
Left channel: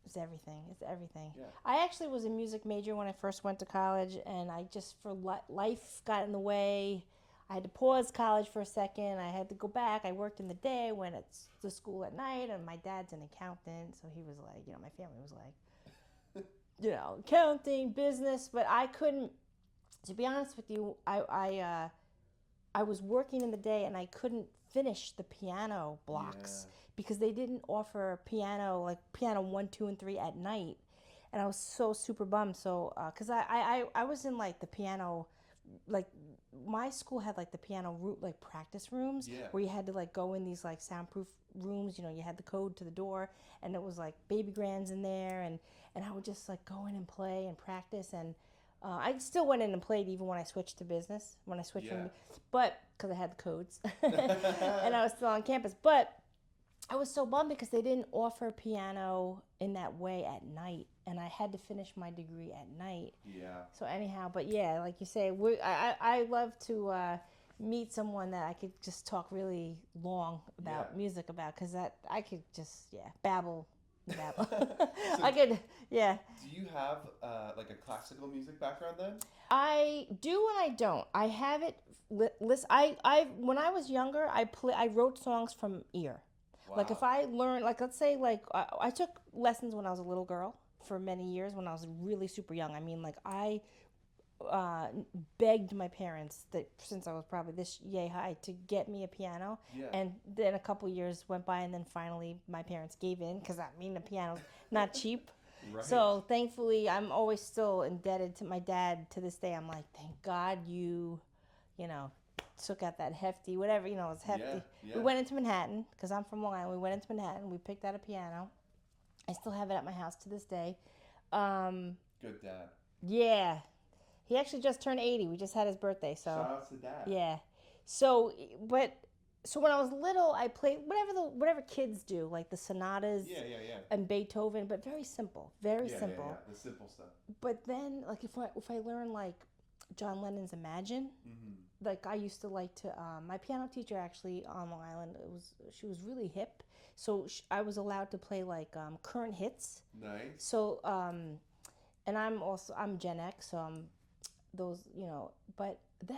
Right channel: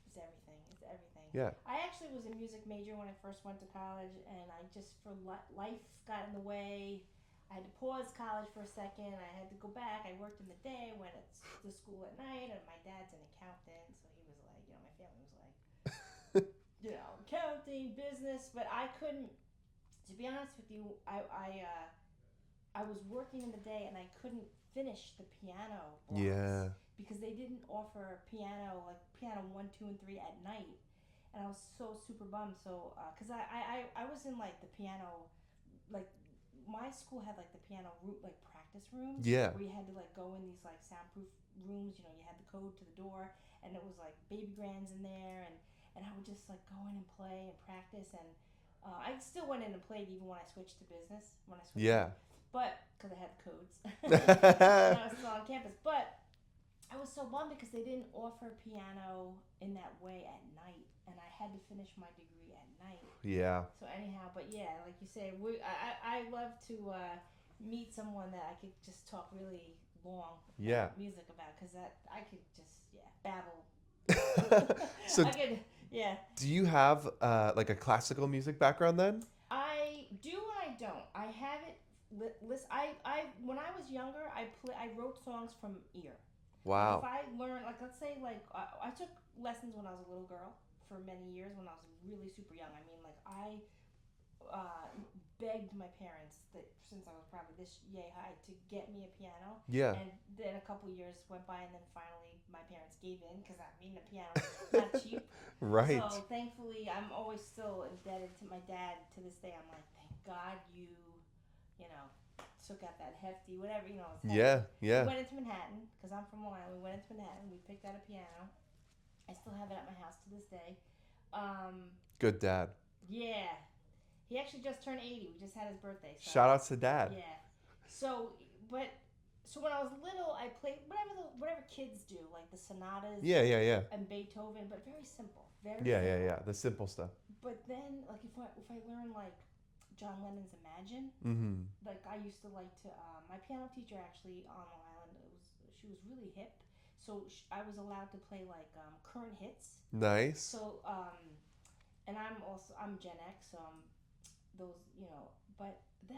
is everything. It's everything. yeah. I actually was a music major when I first went to college, and I just, for life got in the way. I had to pause college for a second. I had to go back. I worked in the day, went to school at night, and my dad's an accountant, so he was like, my family was like, accounting, business, but I couldn't. To be honest with you, I was working in the day and I couldn't finish the piano blocks because they didn't offer piano 1, 2, and 3 at night, and I was so super bummed. So because I was in like the piano, like my school had like the piano like practice rooms where you had to like go in these like soundproof rooms. You had the code to the door, and it was like baby grands in there, and I would just like go in and play and practice. And I still went in and played even when I switched to business. But because I had the codes and I was still on campus. But I was so bummed because they didn't offer piano in that way at night, and I had to finish my degree at night. Yeah. So anyhow, but yeah, like you say, I love to meet someone that I could just talk really long about music about, because that I could just babble. So I could, yeah. Do you have like a classical music background then? I do and I don't. I have it. When I was younger, I wrote songs from ear. Wow. Like if I learned, like let's say, like I took lessons when I was a little girl for many years when I was really super young. I mean, like I begged my parents that since I was probably this yay high to get me a piano. Yeah. And then a couple years went by, and then finally my parents gave in, because the piano's not cheap. Right. So thankfully, I'm always still indebted to my dad to this day. I'm like, thank God you took out that hefty, whatever, it was hefty. Yeah. We went into Manhattan, because I'm from Long Island. We went into Manhattan. We picked out a piano. I still have it at my house to this day. Good dad. Yeah. He actually just turned 80. We just had his birthday. So shout outs to dad. Yeah. So when I was little, I played whatever kids do, like the sonatas. Yeah. And Beethoven, but very simple. Very simple. Yeah. The simple stuff. But then, like, if I learn like John Lennon's Imagine, like I used to like to. My piano teacher actually on Long Island, she was really hip, so I was allowed to play like current hits. Nice. So and I'm Gen X, so I'm those, but then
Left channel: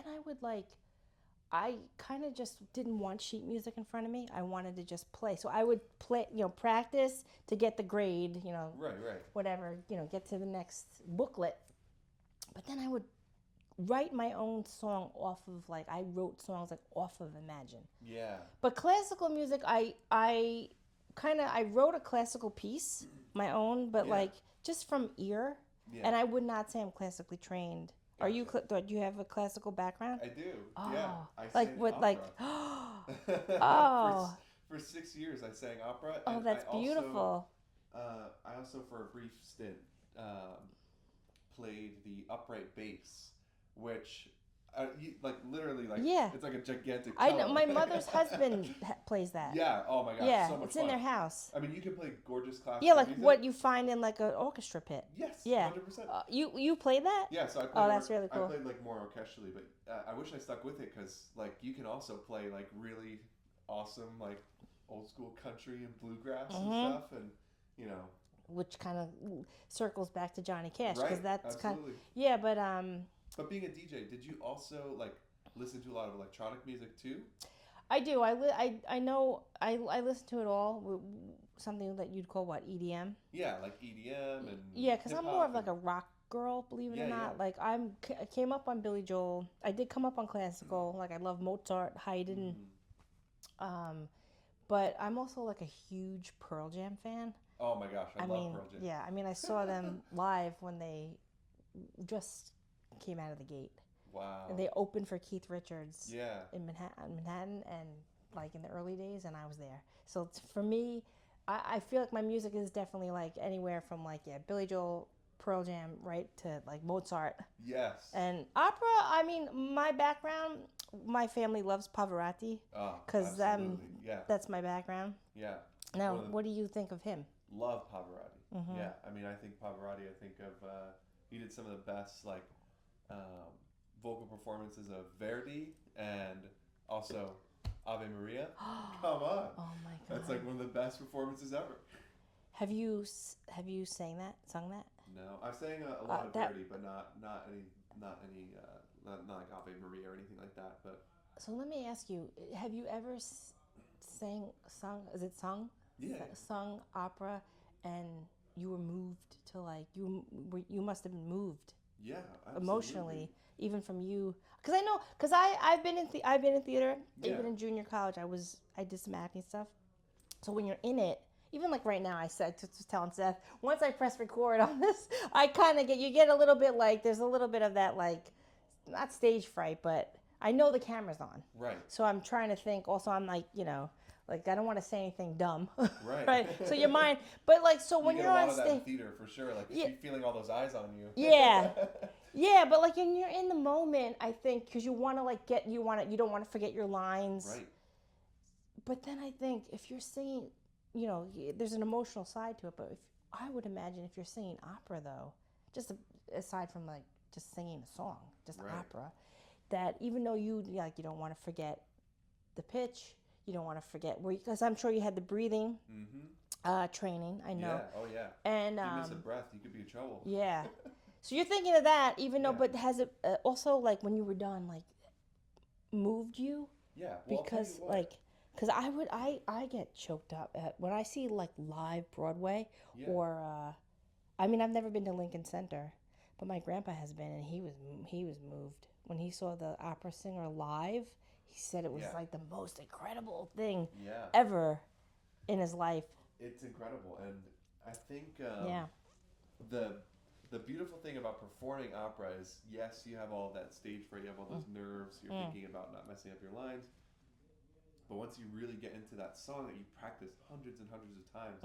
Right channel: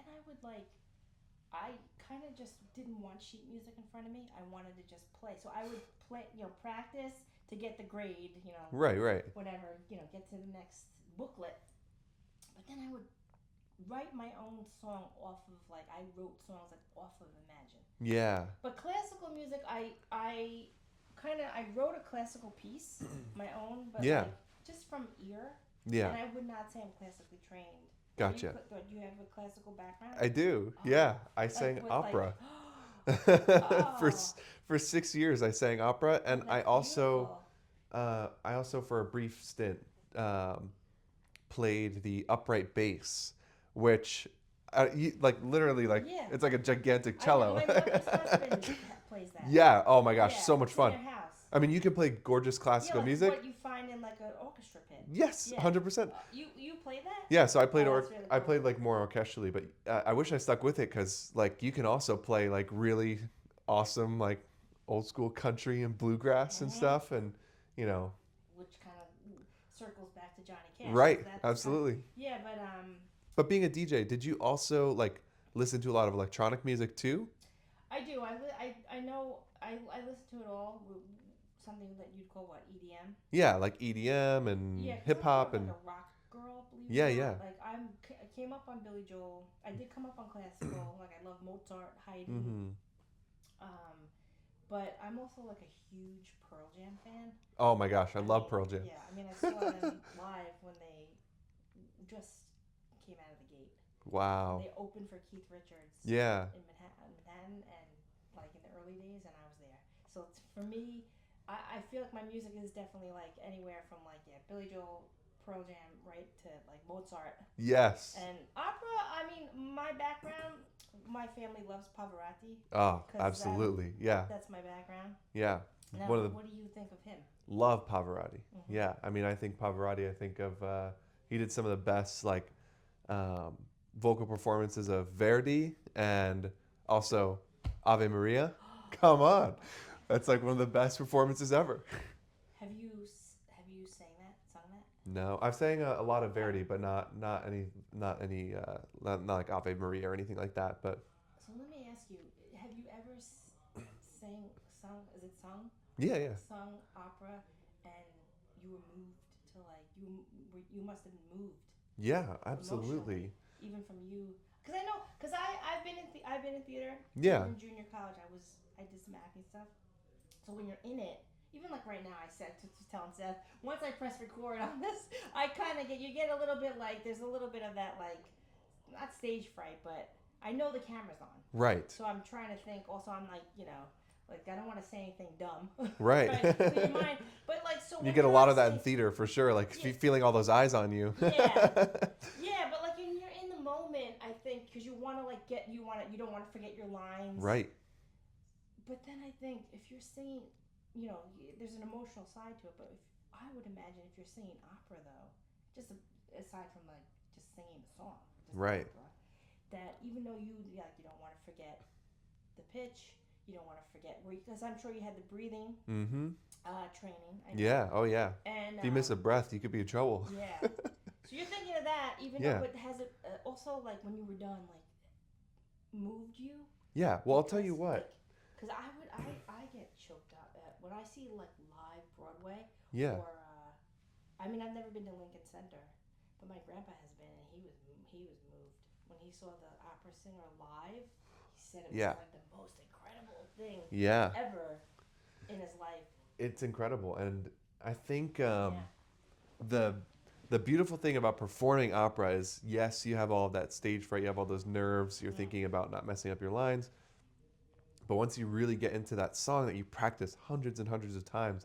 I kind of just didn't want sheet music in front of me. I wanted to just play. So I would play, practice to get the grade, Right. whatever, get to the next booklet. But then I would write my own song off of, like, I wrote songs like off of Imagine. Yeah. But classical music, I wrote a classical piece, my own, but like just from ear. Yeah. And I would not say I'm classically trained. Gotcha. Do you have a classical background? I do. Yeah. I sang opera. For 6 years I sang opera, and I also for a brief stint played the upright bass, which literally it's like a gigantic cello. I know, my mother's husband plays that. Yeah. Oh my gosh, so much it's fun. In their house. I mean, you can play gorgeous classical music. What you find in like an orchestra pit. Yes, 100%. You played that? Yeah, so I played. That's really cool. I played like more orchestrally, but I wish I stuck with it, because like you can also play like really awesome like old school country and bluegrass and stuff, and which kind of circles back to Johnny Cash. Right. Absolutely. But being a DJ, did you also like listen to a lot of electronic music too? I do. I know. I listen to it all. something that you'd call what, EDM? Yeah, like EDM and Yeah, because hip I'm more of hop like and a rock girl, believe it yeah, or yeah. not. Like I came up on Billy Joel. I did come up on classical. Like I love Mozart, Haydn. Hmm. But I'm also like a huge Pearl Jam fan. Oh my gosh, I I love mean, Pearl Jam. yeah, I mean, I saw them live when they just came out of the gate. And Wow. they opened for Keith Richards Yeah. in Manhattan, and like in the early days, and I was there. So for me, I feel like my music is definitely like anywhere from like Billy Joel, Pearl Jam, right to like Mozart Yes. and opera. I mean, my background, my family loves Pavarotti Oh, because absolutely. Yeah. that's my background. Yeah. Now, One of the what do you think of him? love Pavarotti. Mm-hmm. Yeah. I mean, I think Pavarotti. I think of he did some of the best like um, vocal performances of Verdi and also Ave Maria. Come on, Oh my that's God. like one of the best performances ever. Have you sung that? No, I've sang a lot of That Verdi, but not any not like Ave Maria or anything like that. But So let me ask you: have you ever sung? Is it sung? yeah, yeah, Sung opera, and you were moved to like you must have been moved yeah, absolutely. emotionally, even from you. Because I know, because I've been in theater, Yeah, even in junior college. I did some acting stuff. So when you're in it, even like right now, I said to telling Seth, once I press record on this, I kind of you get a little bit like there's a little bit of that like not stage fright, but I know the camera's on. right, So I'm trying to think. Also, I'm like, like I don't want to say anything dumb. right. Right. So your mind, but like, so You when get a you're lot on of that in stage, theater for sure, like yeah, feeling all those eyes on you. yeah, yeah. But like, when you're in the moment, I think because you want to like you don't want to forget your lines. Right. But then I think if you're singing, there's an emotional side to it. But I would imagine if you're singing opera though, just aside from like just singing a song, just Right. opera, that even though you don't want to forget the pitch, you don't want to forget because I'm sure you had the breathing training. I know. Yeah. Oh yeah. And If you miss a breath, you could be in trouble. yeah. So you're thinking of that, even though, Yeah. but has it also like when you were done, like moved you? Yeah. Well, I'll tell Because you what. like, because I get choked up when I see like live Broadway Yeah. or I mean I've never been to Lincoln Center, but my grandpa has been, and he was moved when he saw the opera singer live. He said it was Yeah. like the most incredible thing Yeah. ever in his life. It's incredible, and I think Yeah. the beautiful thing about performing opera is yes, you have all of that stage fright, you have all those nerves, you're thinking about not messing up your lines. But once you really get into that song that you practice hundreds and hundreds of times,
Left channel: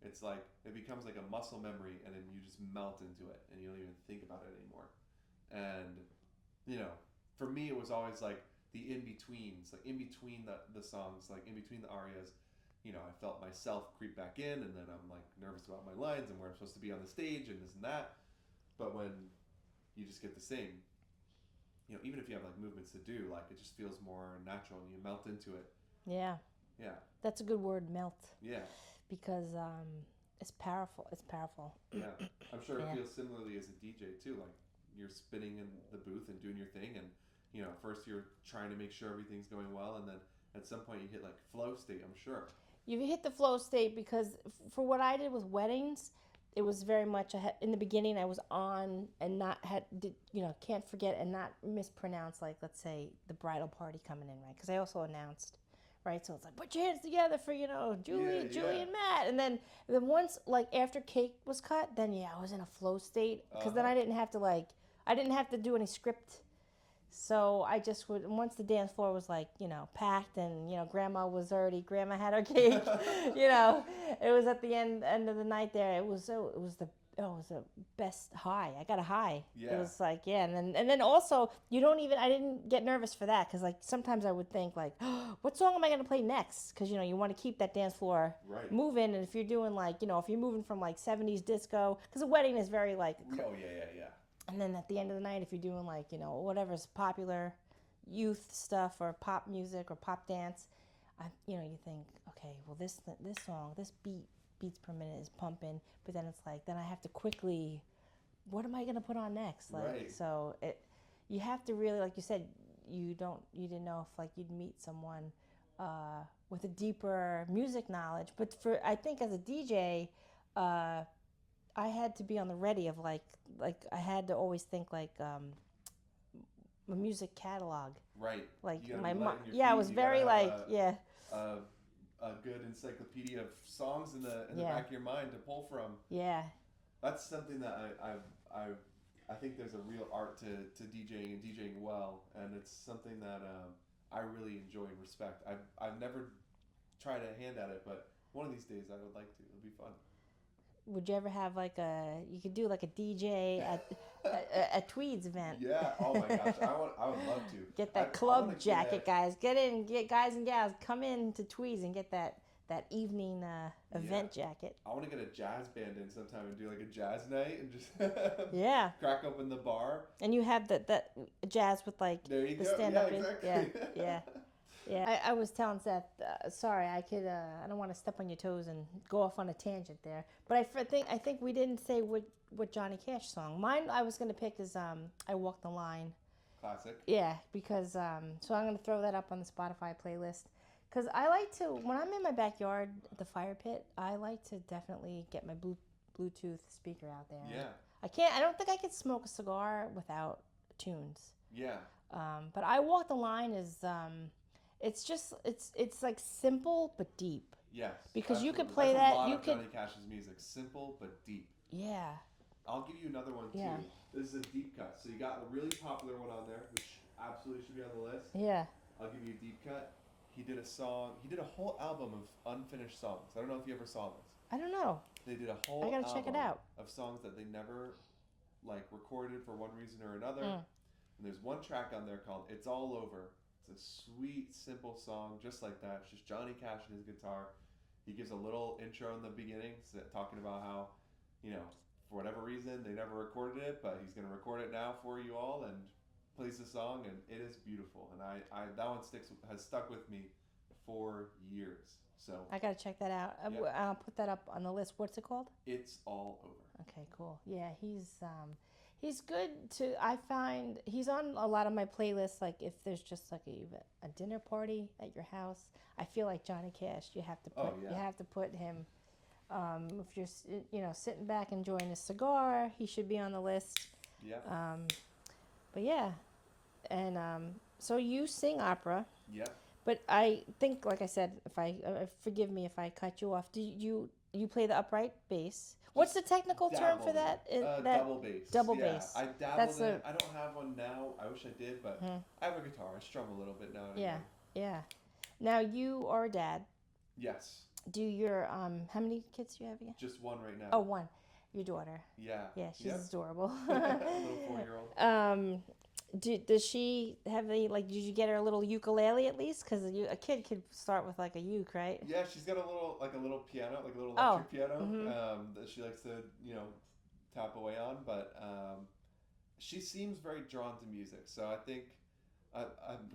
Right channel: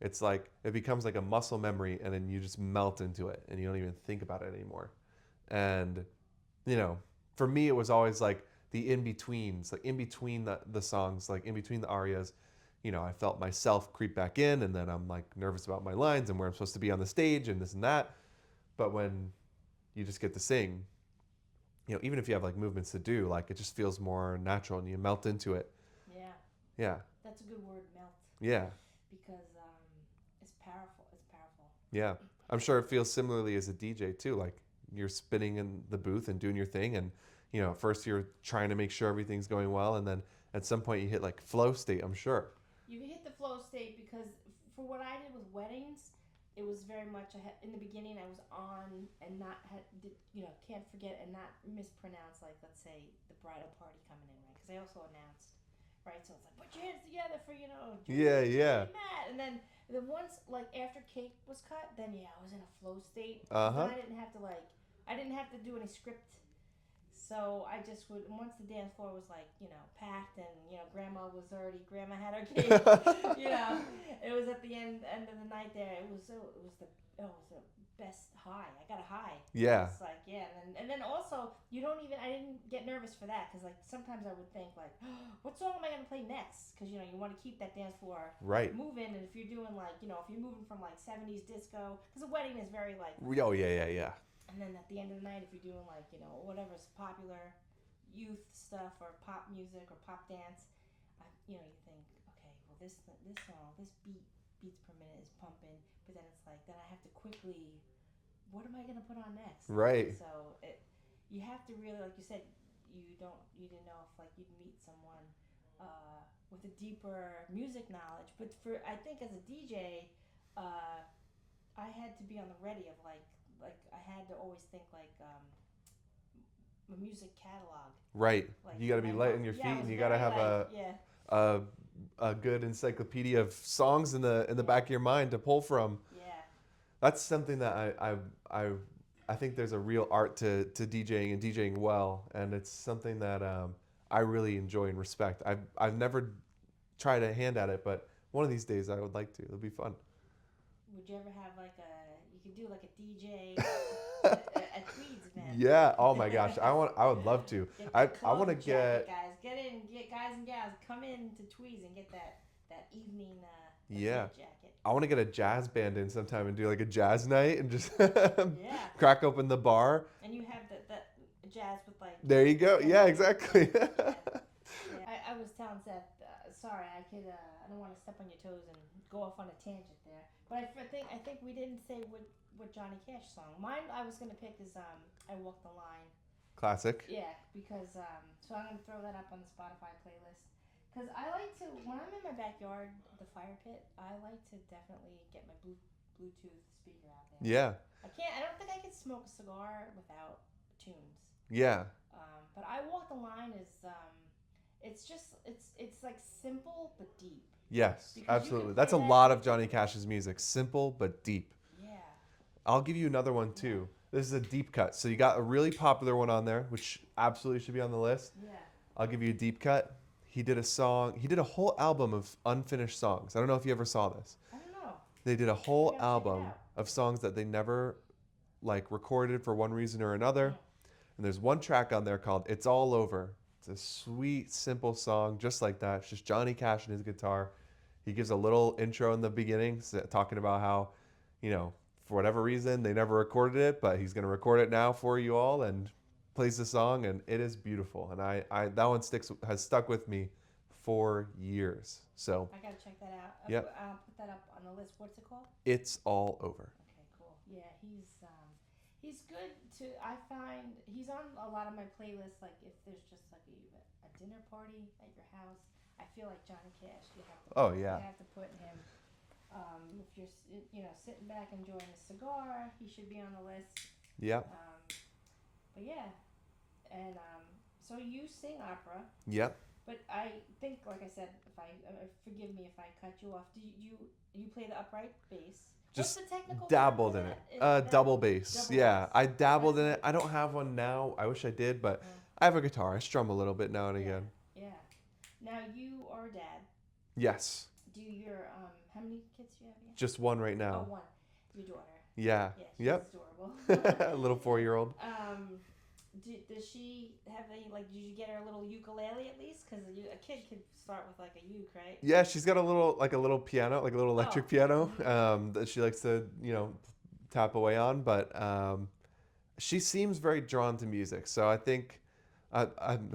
it's like it becomes like a muscle memory, and then you just melt into it, and you don't even think about it anymore. And for me, it was always like the in betweens, like in between the songs, like in between the arias. I felt myself creep back in, and then I'm like nervous about my lines and where I'm supposed to be on the stage and this and that. But when you just get to sing, even if you have like movements to do, like it just feels more natural and you melt into it. Yeah. Yeah. That's a good word, melt. Yeah. Because it's powerful. It's powerful. Yeah. I'm sure it Yeah. feels similarly as a DJ too. Like you're spinning in the booth and doing your thing, and at first you're trying to make sure everything's going well, and then at some point you hit like flow state, I'm sure. You hit the flow state because for what I did with weddings, it was very much in the beginning I was on and can't forget and not mispronounce, like let's say the bridal party coming in, right? Because I also announced, right? So it's like put your hands together for Julie, Yeah, Julie yeah. and Matt, and then once like after cake was cut, then I was in a flow state because then I didn't have to do any script. So I just would, once the dance floor was like, packed and, grandma had her cake, it was at the end of the night there. It was the best high. I got a high. Yeah. It was like, yeah. And then also I didn't get nervous for that. Cause like sometimes I would think like, oh, what song am I going to play next? Cause you want to keep that dance floor Right. moving. And if you're doing like, if you're moving from like 70s disco, cause a wedding is very like, Oh yeah. and then at the end of the night, if you're doing like, whatever's popular youth stuff or pop music or pop dance, you think, okay, well this song, this beats per minute is pumping, but then it's like, then I have to quickly, what am I going to put on next? Like, Right. So you have to really, like you said, you didn't know if like you'd meet someone with a deeper music knowledge. But I think as a DJ, I had to be on the ready of like I had to always think like a music catalog. Right. Like You got to be light on your feet. Yeah, I was and you got to very have a good encyclopedia of songs in the back of your mind to pull from. Yeah. That's something that I think there's a real art to DJing and DJing well, and it's something that I really enjoy and respect. I've never tried a hand at it, but one of these days I would like to. It'll be fun. Would you ever have you could do like a DJ a TWEEDS event? Yeah. Oh my gosh. I would love to. Get that club jacket, guys. Get guys and gals, come in to TWEEDS and get that evening event jacket. I want to get a jazz band in sometime and do like a jazz night and just crack open the bar. And you have that jazz with like. There you go. Yeah, exactly. Yeah. I was telling Seth, sorry, I don't want to step on your toes and go off on a tangent there, but I think we didn't say what Johnny Cash song. Mine I was gonna pick is I Walk the Line. Classic. Yeah, because so I'm gonna throw that up on the Spotify playlist. Because I like to, when I'm in my backyard at the fire pit, I like to definitely get my Bluetooth speaker out there. Yeah. I don't think I could smoke a cigar without tunes. Yeah. But I Walk the Line is, it's like simple but deep. Yes, because absolutely. You can play That's a lot of Johnny Cash's music. Simple but deep. Yeah. I'll give you another one too. Yeah. This is a deep cut. So you got a really popular one on there, which absolutely should be on the list. Yeah. I'll give you a deep cut. He did a whole album of unfinished songs. I don't know if you ever saw this. I don't know. They did a whole album of songs that they never recorded for one reason or another. And there's one track on there called It's All Over. It's a sweet, simple song just like that. It's just Johnny Cash and his guitar. He gives a little intro in the beginning talking about how, for whatever reason, they never recorded it, but he's going to record it now for you all, and plays the song, and it is beautiful. And I that one has stuck with me for years. So I gotta check that out. Yep. I'll put that up on the list. What's it called? It's All Over. Okay, cool. Yeah, he's good to. I find he's on a lot of my playlists. Like if there's just like a dinner party at your house, I feel like Johnny Cash. You have to. You have to put him. If you're sitting back enjoying a cigar, he should be on the list. Yeah. But yeah, and so you sing opera. Yep. But I think, like I said, forgive me if I cut you off. Do you play the upright bass? What's the technical term for that? Double bass. Double bass. I dabbled in it. it. I don't have one now. I wish I did, but I have a guitar. I strum a little bit now and again. Yeah. Now you are a dad. Yes. Do your how many kids do you have again? Just one right now. Oh, one. Your daughter. Yeah. Yeah, she's adorable. A little 4-year-old. Does she have any, did you get her a little ukulele at least? Because a kid could start with like a uke, right? Yeah, she's got a little piano, like a little electric piano that she likes to, tap away on. But she seems very drawn to music. So I think,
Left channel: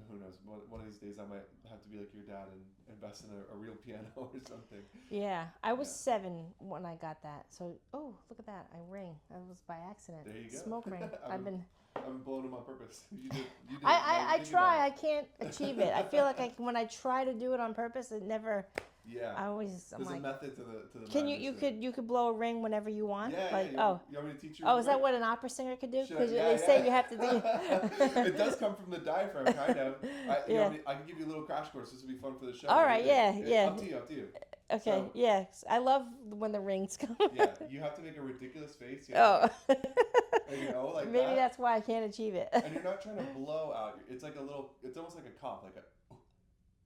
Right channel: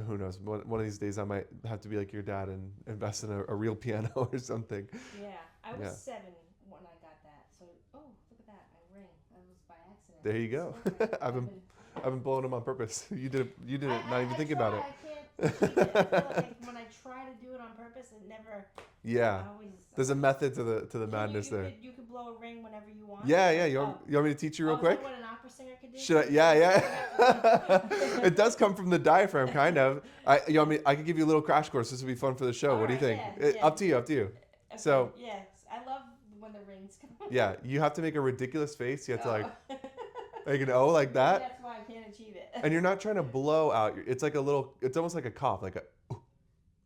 who knows, one of these days I might have to be like your dad and invest in a real piano or something. Yeah, I was 7 when I got that. So, look at that, I ring. That was by accident. There you go. Smoke ring. I've been blowing them on purpose. You did it. Not even thinking about it. I can't achieve it. I feel like when I try to do it on purpose, it never. Yeah. There's a method to the madness there. You could blow a ring whenever you want. Yeah. You want me to teach you real quick? Is that what an opera singer could do? Should I? Yeah. You have to It does come from the diaphragm, kind of. I could give you a little crash course. This would be fun for the show. All what do you think? Yeah. Up to you. Okay. So, I love when the rings come. Yeah, you have to make a ridiculous face. You have to like an O like that. Maybe that's why I can't achieve it. And you're not trying to blow out. It's like it's almost like a cough, like a.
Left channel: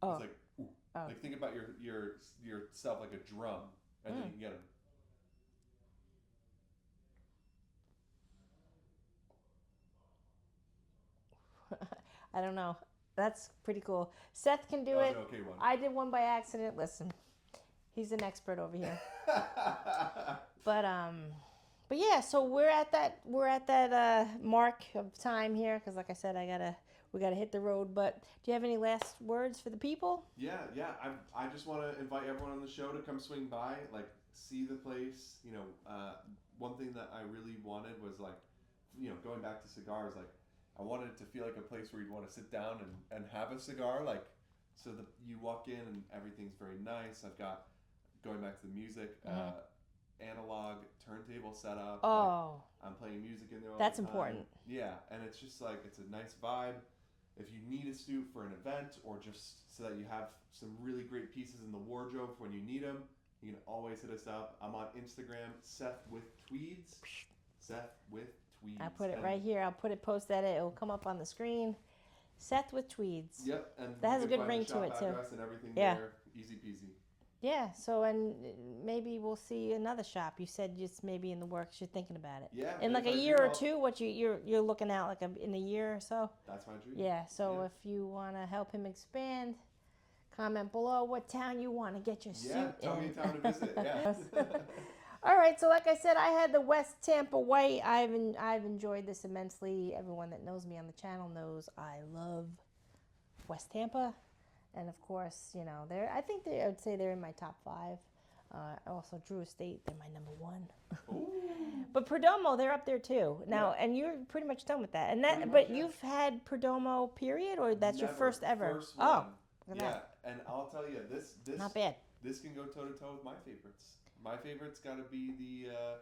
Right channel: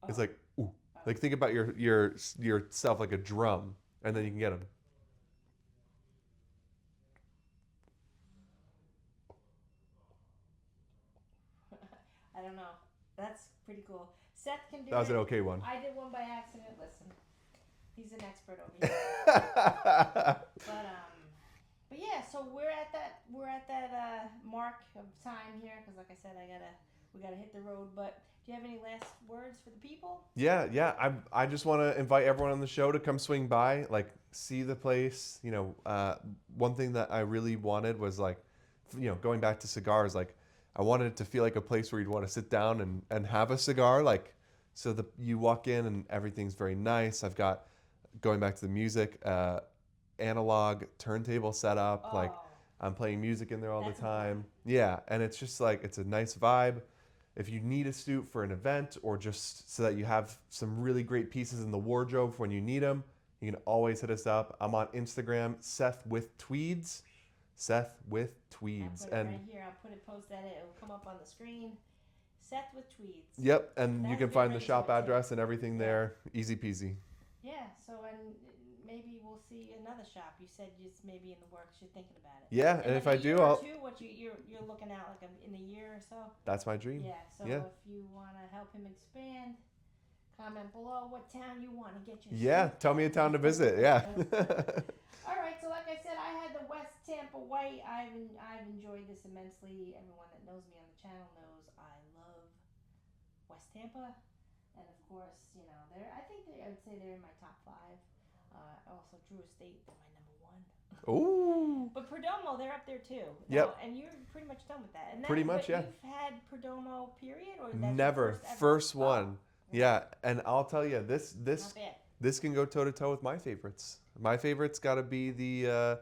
It's like ooh. Like think about yourself like a drum, and then you can get them. I don't know. That's pretty cool. Seth can do it. That was an okay one. I did one by accident. Listen, he's an expert over here. But yeah, so we're at that mark of time here because, like I said, we gotta hit the road. But do you have any last words for the people? Yeah. I just want to invite everyone on the show to come swing by, see the place. One thing that I really wanted was going back to cigars, I wanted it to feel like a place where you'd want to sit down and have a cigar, So you walk in and everything's very nice. I've got, going back to the music, analog turntable set up. Oh, like I'm playing music in there all that's the time. important. Yeah, and it's just like, it's a nice vibe. If you need a suit for an event or just so that you have some really great pieces in the wardrobe for when you need them, you can always hit us up. I'm on Instagram, Seth with Tweeds. Seth with Tweeds. I'll put it right here. I'll post that. It'll come up on the screen. Seth with Tweeds. Yep, and That you has a can good find ring the to shop it, too. address and everything Yeah. there. Easy peasy. Yeah. So, and maybe we'll see another shop. You said just maybe in the works. You're thinking about it. Yeah, in and like if a I year do, or two. What you're looking at like in a year or so. That's my dream. Yeah. So Yeah. if you want to help him expand, comment below what town you want to get your Yeah, suit tell me a in. town to visit. Yeah. All right, so like I said, I had the West Tampa White. I've enjoyed this immensely. Everyone that knows me on the channel knows I love West Tampa, and of course, you know, I would say they're in my top 5. Also, Drew Estate, they're my number 1. Ooh. But Perdomo, they're up there too. Now, Yep. and you're pretty much done with that. And that, Pretty much, but yeah. you've had Perdomo, period, or that's Never. your first ever? First one. Oh, okay. Yeah, and I'll tell you, this Not bad. this can go toe to toe with my favorites. My favorite's got to be the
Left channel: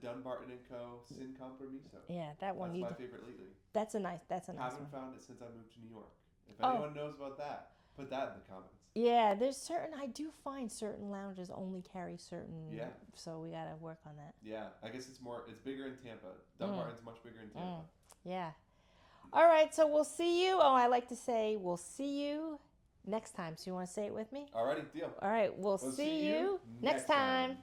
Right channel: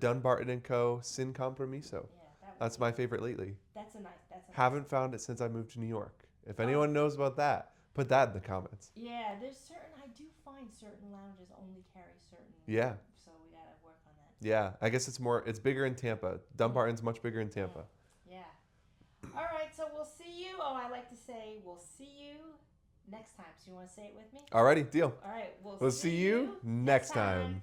Dunbarton & Co. Sin Compromiso. Yeah, that one. That's my favorite lately. That's a nice. Haven't one. found it since I moved to New York. If anyone knows about that, put that in the comments. Yeah, I do find certain lounges only carry certain. Yeah. So we got to work on that. Yeah, I guess it's bigger in Tampa. Dumbarton's much bigger in Tampa. Yeah. All right, so we'll see you. Oh, I like to say we'll see you next time. So you want to say it with me? Alrighty, deal. All right, we'll see you next time.